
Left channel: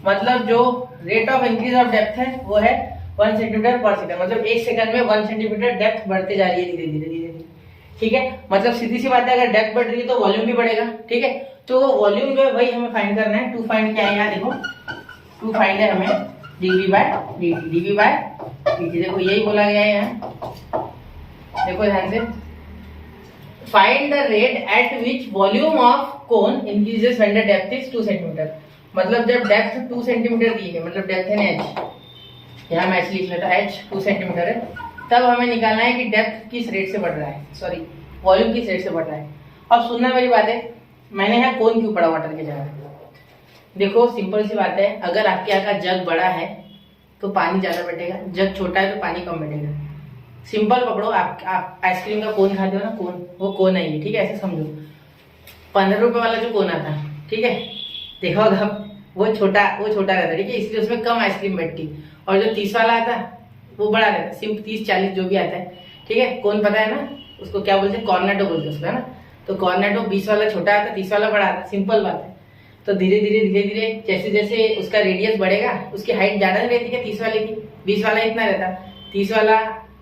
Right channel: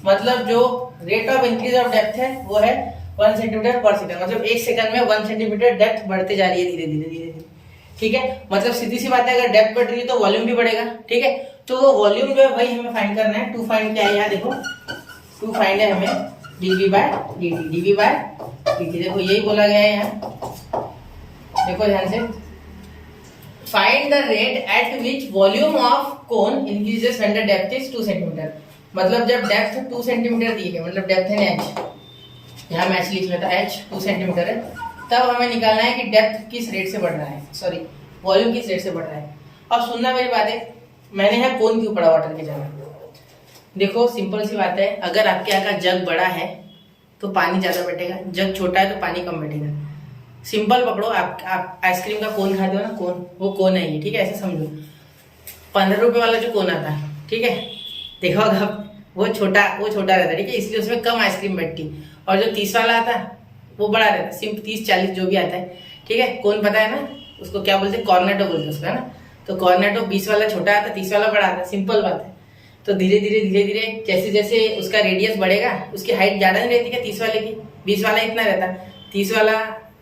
मतलब जो rate of increase of depth है वो है 1 सेंटीमीटर पर सेकंड, मतलब 1 सेकंड में 1 सेंटीमीटर डेप्थ बढ़ते जा रही है धीरे धीरे, ठीक है। मतलब सीधी सी बात है, अगर डेप्थ बढ़ रही है तो वॉल्यूम भी बढ़ेगा, ठीक है। तो वो वॉल्यूम जो है वही हमें फाइंड करना है। टू फाइंड क्या है, यहाँ देखो, टू फाइंड है हमें डीवी बाय डी टी, देखो यही बोला गया है यहाँ, देखो ध्यान से, find the rate at which volume of cone increases when the depth is 2 centimetre, मतलब जब डेप्थ 2 सेंटीमीटर दी है, मतलब डेप्थ है एच, यहाँ मैं एच लिख लेता, एच 2 सेंटीमीटर है, तब हमें निकालना है कि डेप्थ किस रेट से बढ़ रहा है, सॉरी वॉल्यूम किस रेट से बढ़ रहा है। अब सुनना मेरी बात है, मैंने यहाँ कोन क्यों पढ़ा वाटर के जगह, देखो सिंपल सी बात है, अगर आपके यहाँ का जग बड़ा है तो पानी ज्यादा बैठेगा, जग छोटा है तो पानी कम बैठेगा। सिंपल पकड़ो, आप आइसक्रीम का कोन खाते हो ना, कोन, वो कोन है ये, ठीक है, ऐसे समझो। 15 रुपए वाला जो कोन आता है, ठीक है, देखो अब वो छोटा रहता है, ठीक है, इसलिए उसमें कम आइसक्रीम बैठती, और जो 30 वाला आता है वो बड़ा रहता है, सिर्फ 30-40 जो भी आता है, ठीक है। कोन पता है ना उसको क्या बोलते हैं, कॉर्नेटो बोलते हैं उसको, है ना। तो कॉर्नेटो 20 वाला छोटा आता है, 30 वाला बड़ा आता है, सिंपल बात है। तो धीरे धीरे जैसे जैसे उसका रेडियस बढ़ेगा, उसकी हाइट ज्यादा नहीं रहती क्या 30 वाले की, 20 वाला इतना रहता, 30 वाला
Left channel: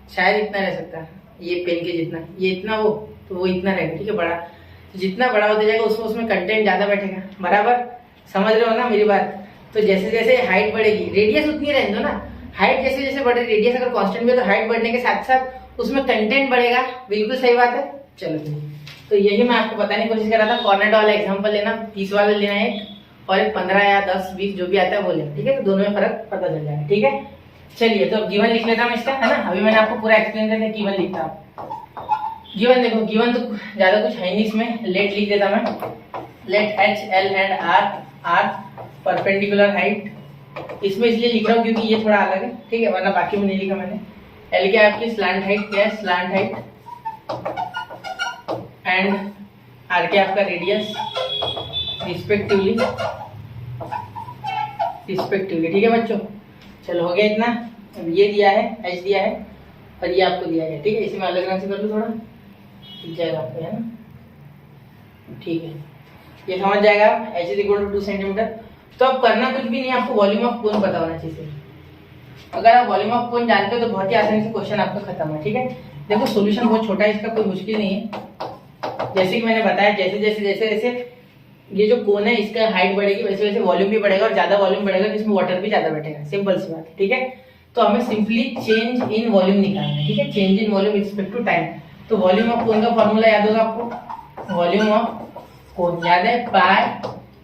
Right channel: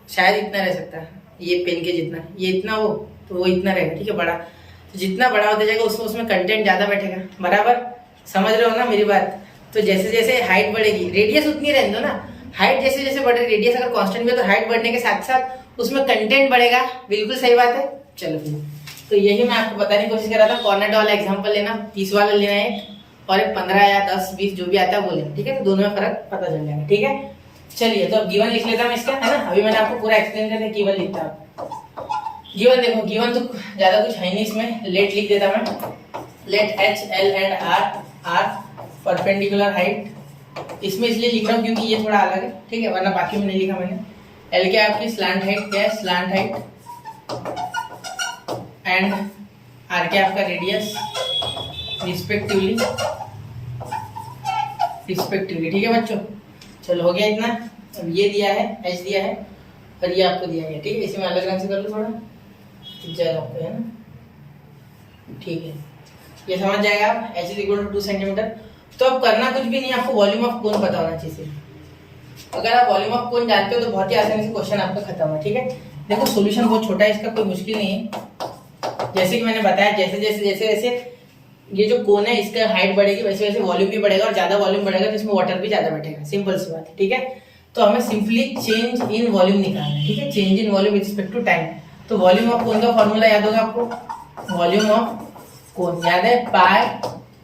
शायद इतना रह सकता है, ये पेन के जितना, ये इतना हो तो वो इतना रहेगा, ठीक है, बड़ा। तो जितना बड़ा होता जाएगा उसमें कंटेंट ज्यादा बैठेगा, बराबर, समझ रहे हो ना मेरी बात। तो जैसे जैसे हाइट बढ़ेगी, रेडियस उतनी रहने दो ना, हाइट जैसे जैसे बढ़ रही, रेडियस अगर कांस्टेंट भी है तो हाइट बढ़ने के साथ साथ उसमें कंटेंट बढ़ेगा, बिल्कुल सही बात है। चलो फिर, तो यही मैं आपको बताने की कोशिश कर रहा था, कॉर्नेटो वाला एग्जांपल लेना, 30 वाला लेना है, और एक 15 या 10 20 जो भी आता है वो लेना, ठीक है, तो दोनों में फर्क पता चल जाएगा, ठीक है। चलिए तो अब गिवन लिख लेता हूँ इसका, है ना, अभी मैंने आपको पूरा एक्सप्लेन करके गिवन लिखता हूँ। गिवन देखो, गिवन तो ज्यादा कुछ है नहीं इसमें, लेट लिख देता मैं, let h l and r perpendicular height, इसमें इसलिए लिख रहा हूँ क्योंकि ये थोड़ा अलग है, ठीक है, वरना बाकी में नहीं लिखा मैंने। एल क्या है आपकी स्लांट हाइट, क्या है स्लांट हाइट, एंड आर क्या आपका रेडियस, रिस्पेक्टिवली, ठीक है बच्चों। चलो हो गया इतना। अब ये दिया है, एच दिया है, और ये आपको दिया गया, ठीक है, इसी में अलग रंग से कर लो, थोड़ा दिख जाएगा आपको, है ना, ठीक है, ये समझ जाएगा, h is equal to 2 centimetre. तो अब करना कुछ भी नहीं, आपको वॉल्यूम ऑफ कोन पता होना चाहिए। अगर आप वॉल्यूम ऑफ कोन जानते हो तो बहुत ही आसानी से क्वेश्चन आपका खत्म है, ठीक है। देखो सोल्यूशन बहुत छोटा है इसका, कोई मुश्किल नहीं है, जैसे कि मैंने बताया, जैसे जैसे ये जो कोन है इसका हाइट बढ़ेगी, वैसे वैसे वॉल्यूम भी बढ़ेगा, और ज्यादा वॉल्यूम बढ़ेगा तो इसमें वाटर भी ज्यादा बैठेगा। सिंपल सी बात है, ठीक है। तो हमें सिंपली चेंज इन वॉल्यूम निकालना है, ठीक है, change in volume with respect to time. तो वॉल्यूम ऑफ कोन का फॉर्मूला याद होगा आपको, वॉल्यूम ऑफ कोन याद है, pi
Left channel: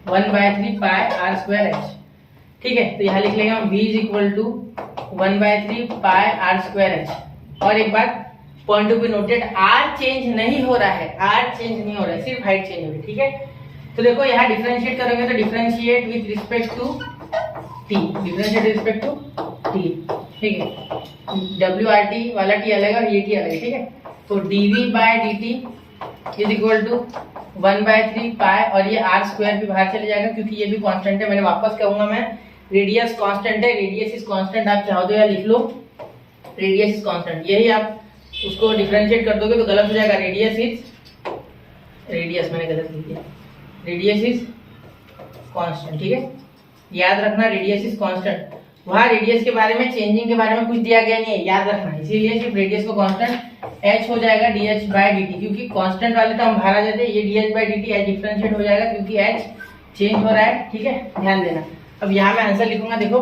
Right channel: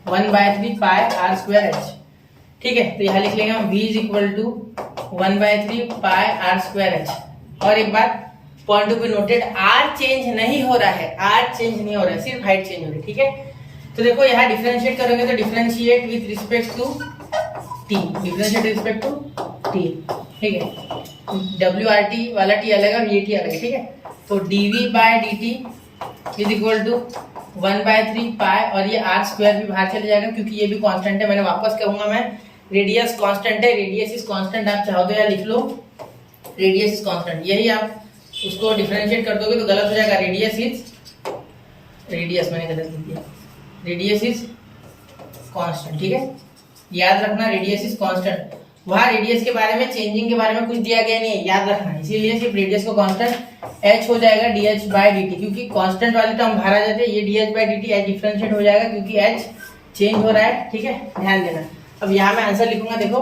1/3 pi r square h, ठीक है। तो यहाँ लिख लेंगे हम v is equal to 1/3 pi r square h. और एक बात point to be noted, r change नहीं हो रहा है, आर चेंज नहीं हो रहा है, सिर्फ हाइट चेंज हो रही है, ठीक है। तो देखो यहाँ डिफरेंशिएट करोगे तो differentiate with respect to t, differentiate with respect to t, ठीक है। WRT वाला टी अलग है और ये टी अलग है, ठीक है। तो dv/dt इज इक्वल टू 1/3 पाई, और ये आर स्क्वायर भी बाहर चले जाएगा क्योंकि ये भी कांस्टेंट है। मैंने वापस कहूंगा मैं, रेडियस कांस्टेंट है, रेडियस इज कांस्टेंट, आप चाहो तो यहाँ लिख लो रेडियस इज कांस्टेंट। यही आप उसको डिफरेंशिएट कर दोगे तो गलत हो जाएगा, रेडियस मैंने गलत लिख दिया, रेडियस इज कांस्टेंट, ठीक है। याद रखना रेडियस इज कांस्टेंट, वहां रेडियस के बारे में चेंजिंग के बारे में कुछ दिया गया नहीं है, याद रखना। इसीलिए सिर्फ रेडियस को कांस्टेंट h हो जाएगा dh/dt, क्योंकि कांस्टेंट वाले टर्म बाहर आ जाते हैं, ये dh/dt h डिफरेंशिएट हो जाएगा क्योंकि h चेंज हो रहा है, ठीक है, ध्यान देना। अब यहाँ मैं आंसर लिखूंगा, देखो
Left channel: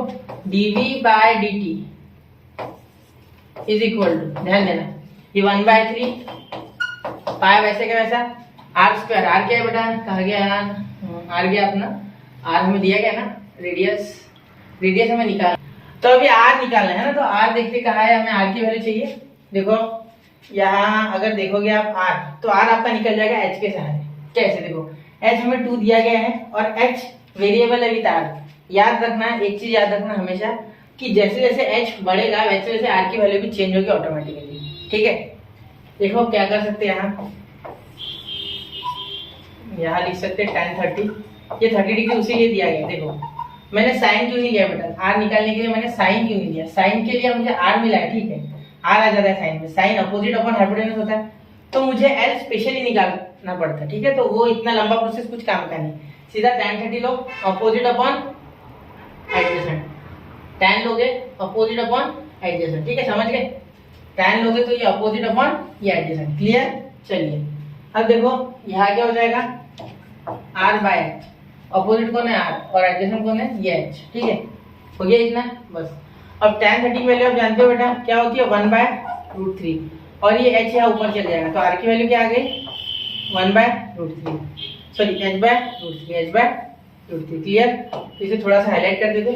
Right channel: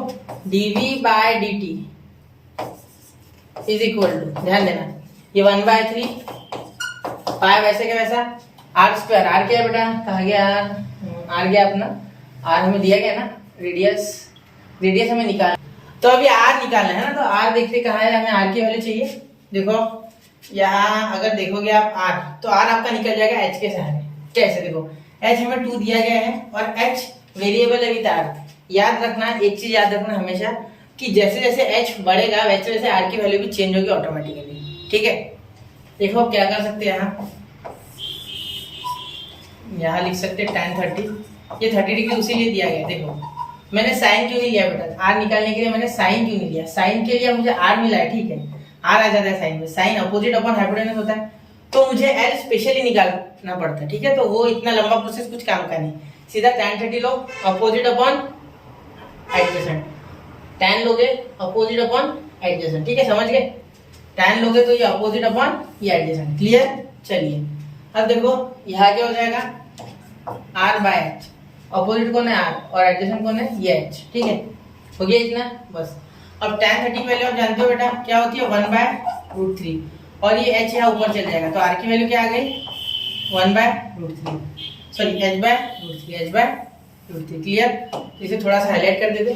dv/dt इज इक्वल टू, ध्यान देना, ये 1/3 पाई वैसे का वैसा आर स्क्वायर, आर क्या है बेटा, कहा गया आर गया अपना, आर हमें दिया गया ना, रेडियस हमें निकालना। तो अभी आर निकालना है ना, तो आर देखते कहा है, हमें आर की वैल्यू चाहिए। देखो यहाँ अगर देखोगे आप आर, तो आर आपका निकल जाएगा एच के सहारे। कैसे, देखो एच हमें 2 दिया गया है और एच वेरिएबल है विद आर। याद रखना, एक चीज याद रखना हमेशा कि जैसे जैसे एच बढ़ेगा वैसे वैसे आर की वैल्यू भी चेंज होगी ऑटोमेटिकली, ठीक है। देखो क्या कर सकते हैं, यहाँ लिख सकते हैं tan 30, ये 30 डिग्री उसी लिए दिया गया। देखो मैंने साइन क्यों नहीं लिया बेटा, आर निकालने के लिए मैंने साइन क्यों नहीं लिया, साइन के लिए मुझे आर मिला है, ठीक है, आर आ जाता है साइन में, साइन अपोजिट अपॉन हाइपोटेनस होता है, तो मुझे एल स्पेशली निकालना पड़ता है, ठीक है। तो वो इतना लंबा प्रोसेस कुछ काम का नहीं, सीधा tan 30 लो, अपोजिट अपॉन एडजेसेंट, tan लोगे अपोजिट अपॉन एडजेसेंट, ठीक है, समझ गए। tan लोगे तो ये अपोजिट अपॉन ये एडजेसेंट, क्लियर। चलिए अब देखो यहाँ क्या हो जाएगा, r/h, अपोजिट कौन है आर और एडजेसेंट कौन है ये एच, ठीक है, हो गया इतना बस। अब tan 30 की वैल्यू आप जानते हो बेटा क्या होती है, 1/√3, और ये h यहाँ ऊपर चल जाएगा, तो r की वैल्यू क्या आ गई, 1/√3, सॉरी h/√3, क्लियर। तो इसे थोड़ा सा हाईलाइट कर देते,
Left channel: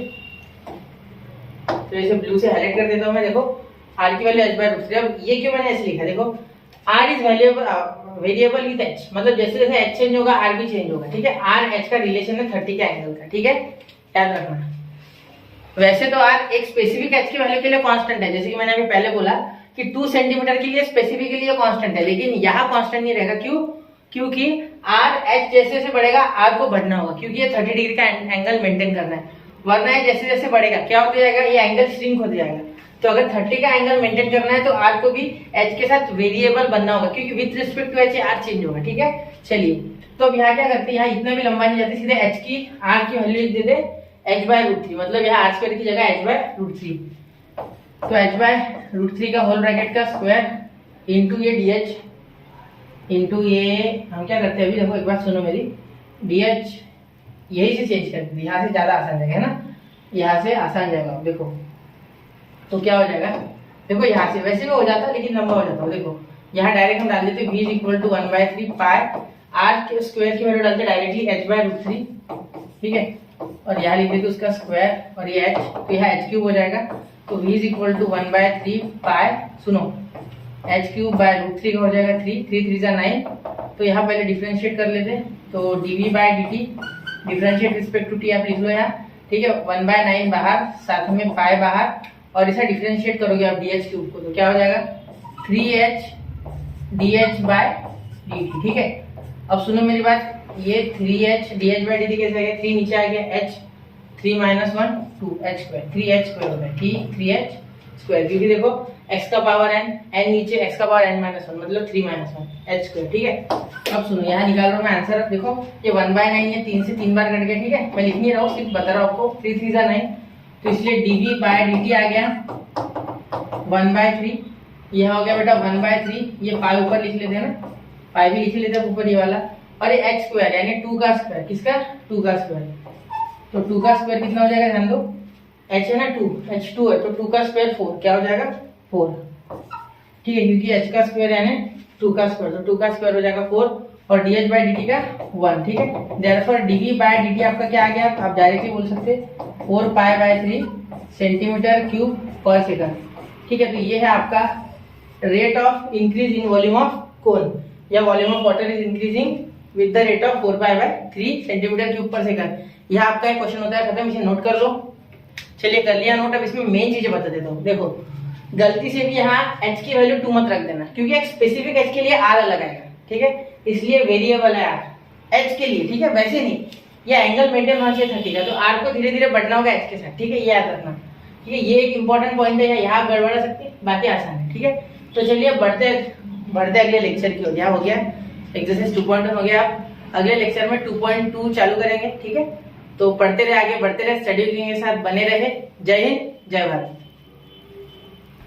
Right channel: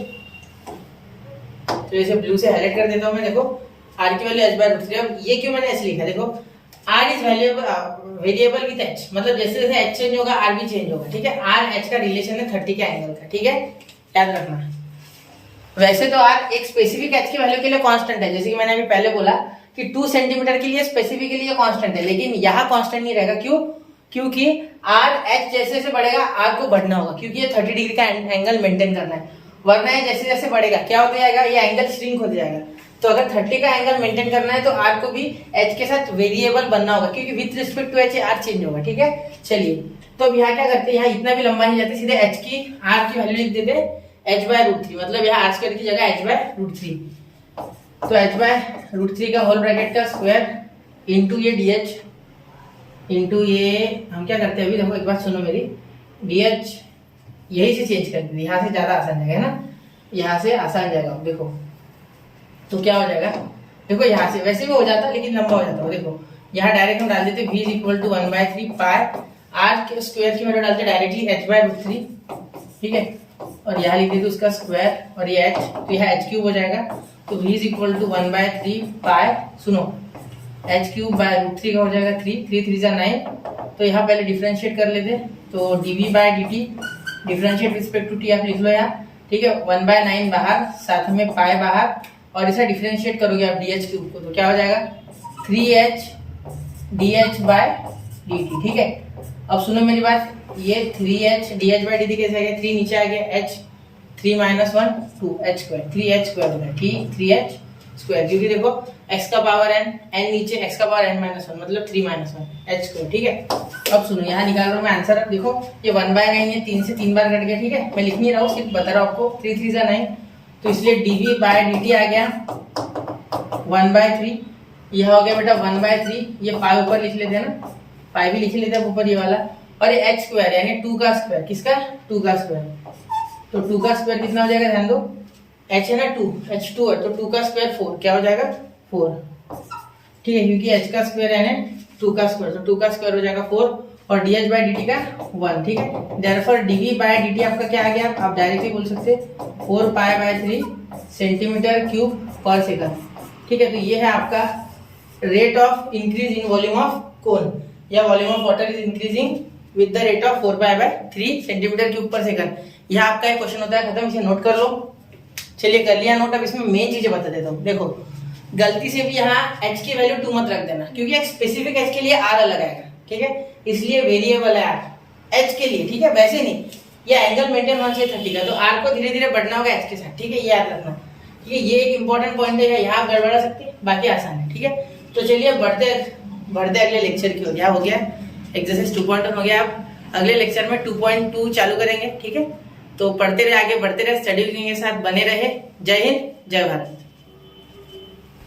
तो इसे ब्लू से हाईलाइट कर देता हूँ मैं। देखो r की वैल्यू h/√3, अब ये क्यों मैंने ऐसे लिखा, देखो r is variable with h, मतलब जैसे जैसे h चेंज होगा r भी चेंज होगा, ठीक है। r h का रिलेशन है 30 के एंगल का, ठीक है, याद रखना। वैसे तो r एक स्पेसिफिक h की वैल्यू के लिए कांस्टेंट है, जैसे कि मैंने अभी पहले बोला कि 2 सेंटीमीटर के लिए स्पेसिफिकली ये कांस्टेंट है, लेकिन यहाँ कांस्टेंट नहीं रहेगा। क्यों, क्योंकि r h जैसे जैसे बढ़ेगा r को बढ़ना होगा, क्योंकि ये 30 डिग्री का एंगल मेंटेन करना है, वरना ये जैसे जैसे बढ़ेगा क्या होता जाएगा, ये एंगल श्रिंक हो जाएगा। तो अगर 30 का एंगल मेंटेन करना है तो r को भी h के साथ वेरिएबल बनना होगा, क्योंकि with respect to h r change होगा, ठीक है। चलिए तो अब यहाँ क्या करते हैं, यहाँ इतना भी लंबा नहीं जाते, सीधे h की r की वैल्यू लिख देते h/√3, मतलब यहाँ r स्क्वायर की जगह h/√3, तो h/√3 का होल ब्रैकेट का स्क्वायर इंटू ये dh इंटू ये, हम क्या करते हैं अभी, देखो एक बात सुनो मेरी, dh यही से चेंज कर देते, यहाँ से ज्यादा आसान जाएगा, है ना, यहाँ से आसान जाएगा। देखो तो क्या हो जाएगा, देखो यहाँ से वैसे भी हो जाता लेकिन लंबा हो जाता है। देखो यहाँ डायरेक्ट हम डाल देते v is equal to 1/3 pi r के स्क्वायर की वैल्यू डालते डायरेक्टली h/√3, ठीक है, और यहाँ लिख देते उसका स्क्वायर और ये h, तो यहाँ h³ हो जाएगा, तो v इज इक्वल टू 1/3 पाई, सुनो h³/√3 का हो जाएगा 3 3 जा 9, तो यहाँ पहले डिफरेंशिएट कर लेते, तो dv/dt differentiate respect to t आप लिख लो यहाँ, ठीक है, 1/9 बाहर, साथ में पाई बाहर, और इसे डिफरेंशिएट करोगे आप dh³ को, तो क्या हो जाएगा 3h dh/dt, ठीक है। अब सुनो मेरी बात, ये 3h dh/dt कैसे आ गया, 3 नीचे आ गया, h 3 - 1 2h², 3h² हो गया, ठीक, 3h², क्योंकि देखो x का पावर n, n नीचे x का पावर n - 1, मतलब 3 - 1 h², ठीक है। अब सुनो यहाँ निकाल रहा हूँ मैं आंसर, अब देखो ये 1/9 ये 3 से 3 बार कट गया, ठीक है, मैं लिख नहीं रहा हूँ, सिर्फ बता रहा हूँ आपको, 3 3 जा 9, तो इसलिए dv/dt आ गया 1/3, यह हो गया बेटा 1/3, ये पाई ऊपर लिख लेते हैं ना, पाई भी लिख लेते हैं ऊपर ये वाला, और ये h स्क्वायर यानी 2 का स्क्वायर, किसका 2 का स्क्वायर, तो 2 का स्क्वायर कितना हो जाएगा, ध्यान दो h है ना 2, h2 है तो 2 का स्क्वायर 4, क्या हो जाएगा 4, ठीक है, क्योंकि h का स्क्वायर यानी 2 का स्क्वायर, तो 2 का स्क्वायर हो जाएगा 4 और dh बाई dt का 1, ठीक है। देयरफॉर dv बाई dt आपका क्या आ गया, आप डायरेक्टली बोल सकते 4 pi by 3 centimetre cube per second, ठीक है। तो ये है आपका rate of increase in volume of cone या volume of water is increasing with the rate of 4 pi by 3 centimetre cube per second. यह आपका एक क्वेश्चन होता है, खत्म, इसे नोट कर लो। चलिए कर लिया नोट, अब इसमें मेन चीजें बता देता हूँ। देखो गलती से भी यहाँ h की वैल्यू 2 मत रख देना, क्योंकि एक स्पेसिफिक h के लिए r अलग आएगा, ठीक है, इसलिए वेरिएबल है r h के लिए, ठीक है, वैसे नहीं, ये एंगल मेंटेन होना चाहिए 30 का, तो r को धीरे धीरे बढ़ना होगा h के साथ, ठीक है, ये याद रखना, ठीक है। ये एक इंपॉर्टेंट पॉइंट है, यहाँ गड़बड़ा सकते हैं, बाकी आसान है, ठीक है। तो चलिए बढ़ते अगले लेक्चर की ओर। हो गया एक्सरसाइज 2.1 हो गया, आप अगले लेक्चर में 2.2 चालू करेंगे, ठीक है। तो पढ़ते रहे, आगे बढ़ते रहे, स्टडी के साथ बने रहे। जय हिंद, जय भारत।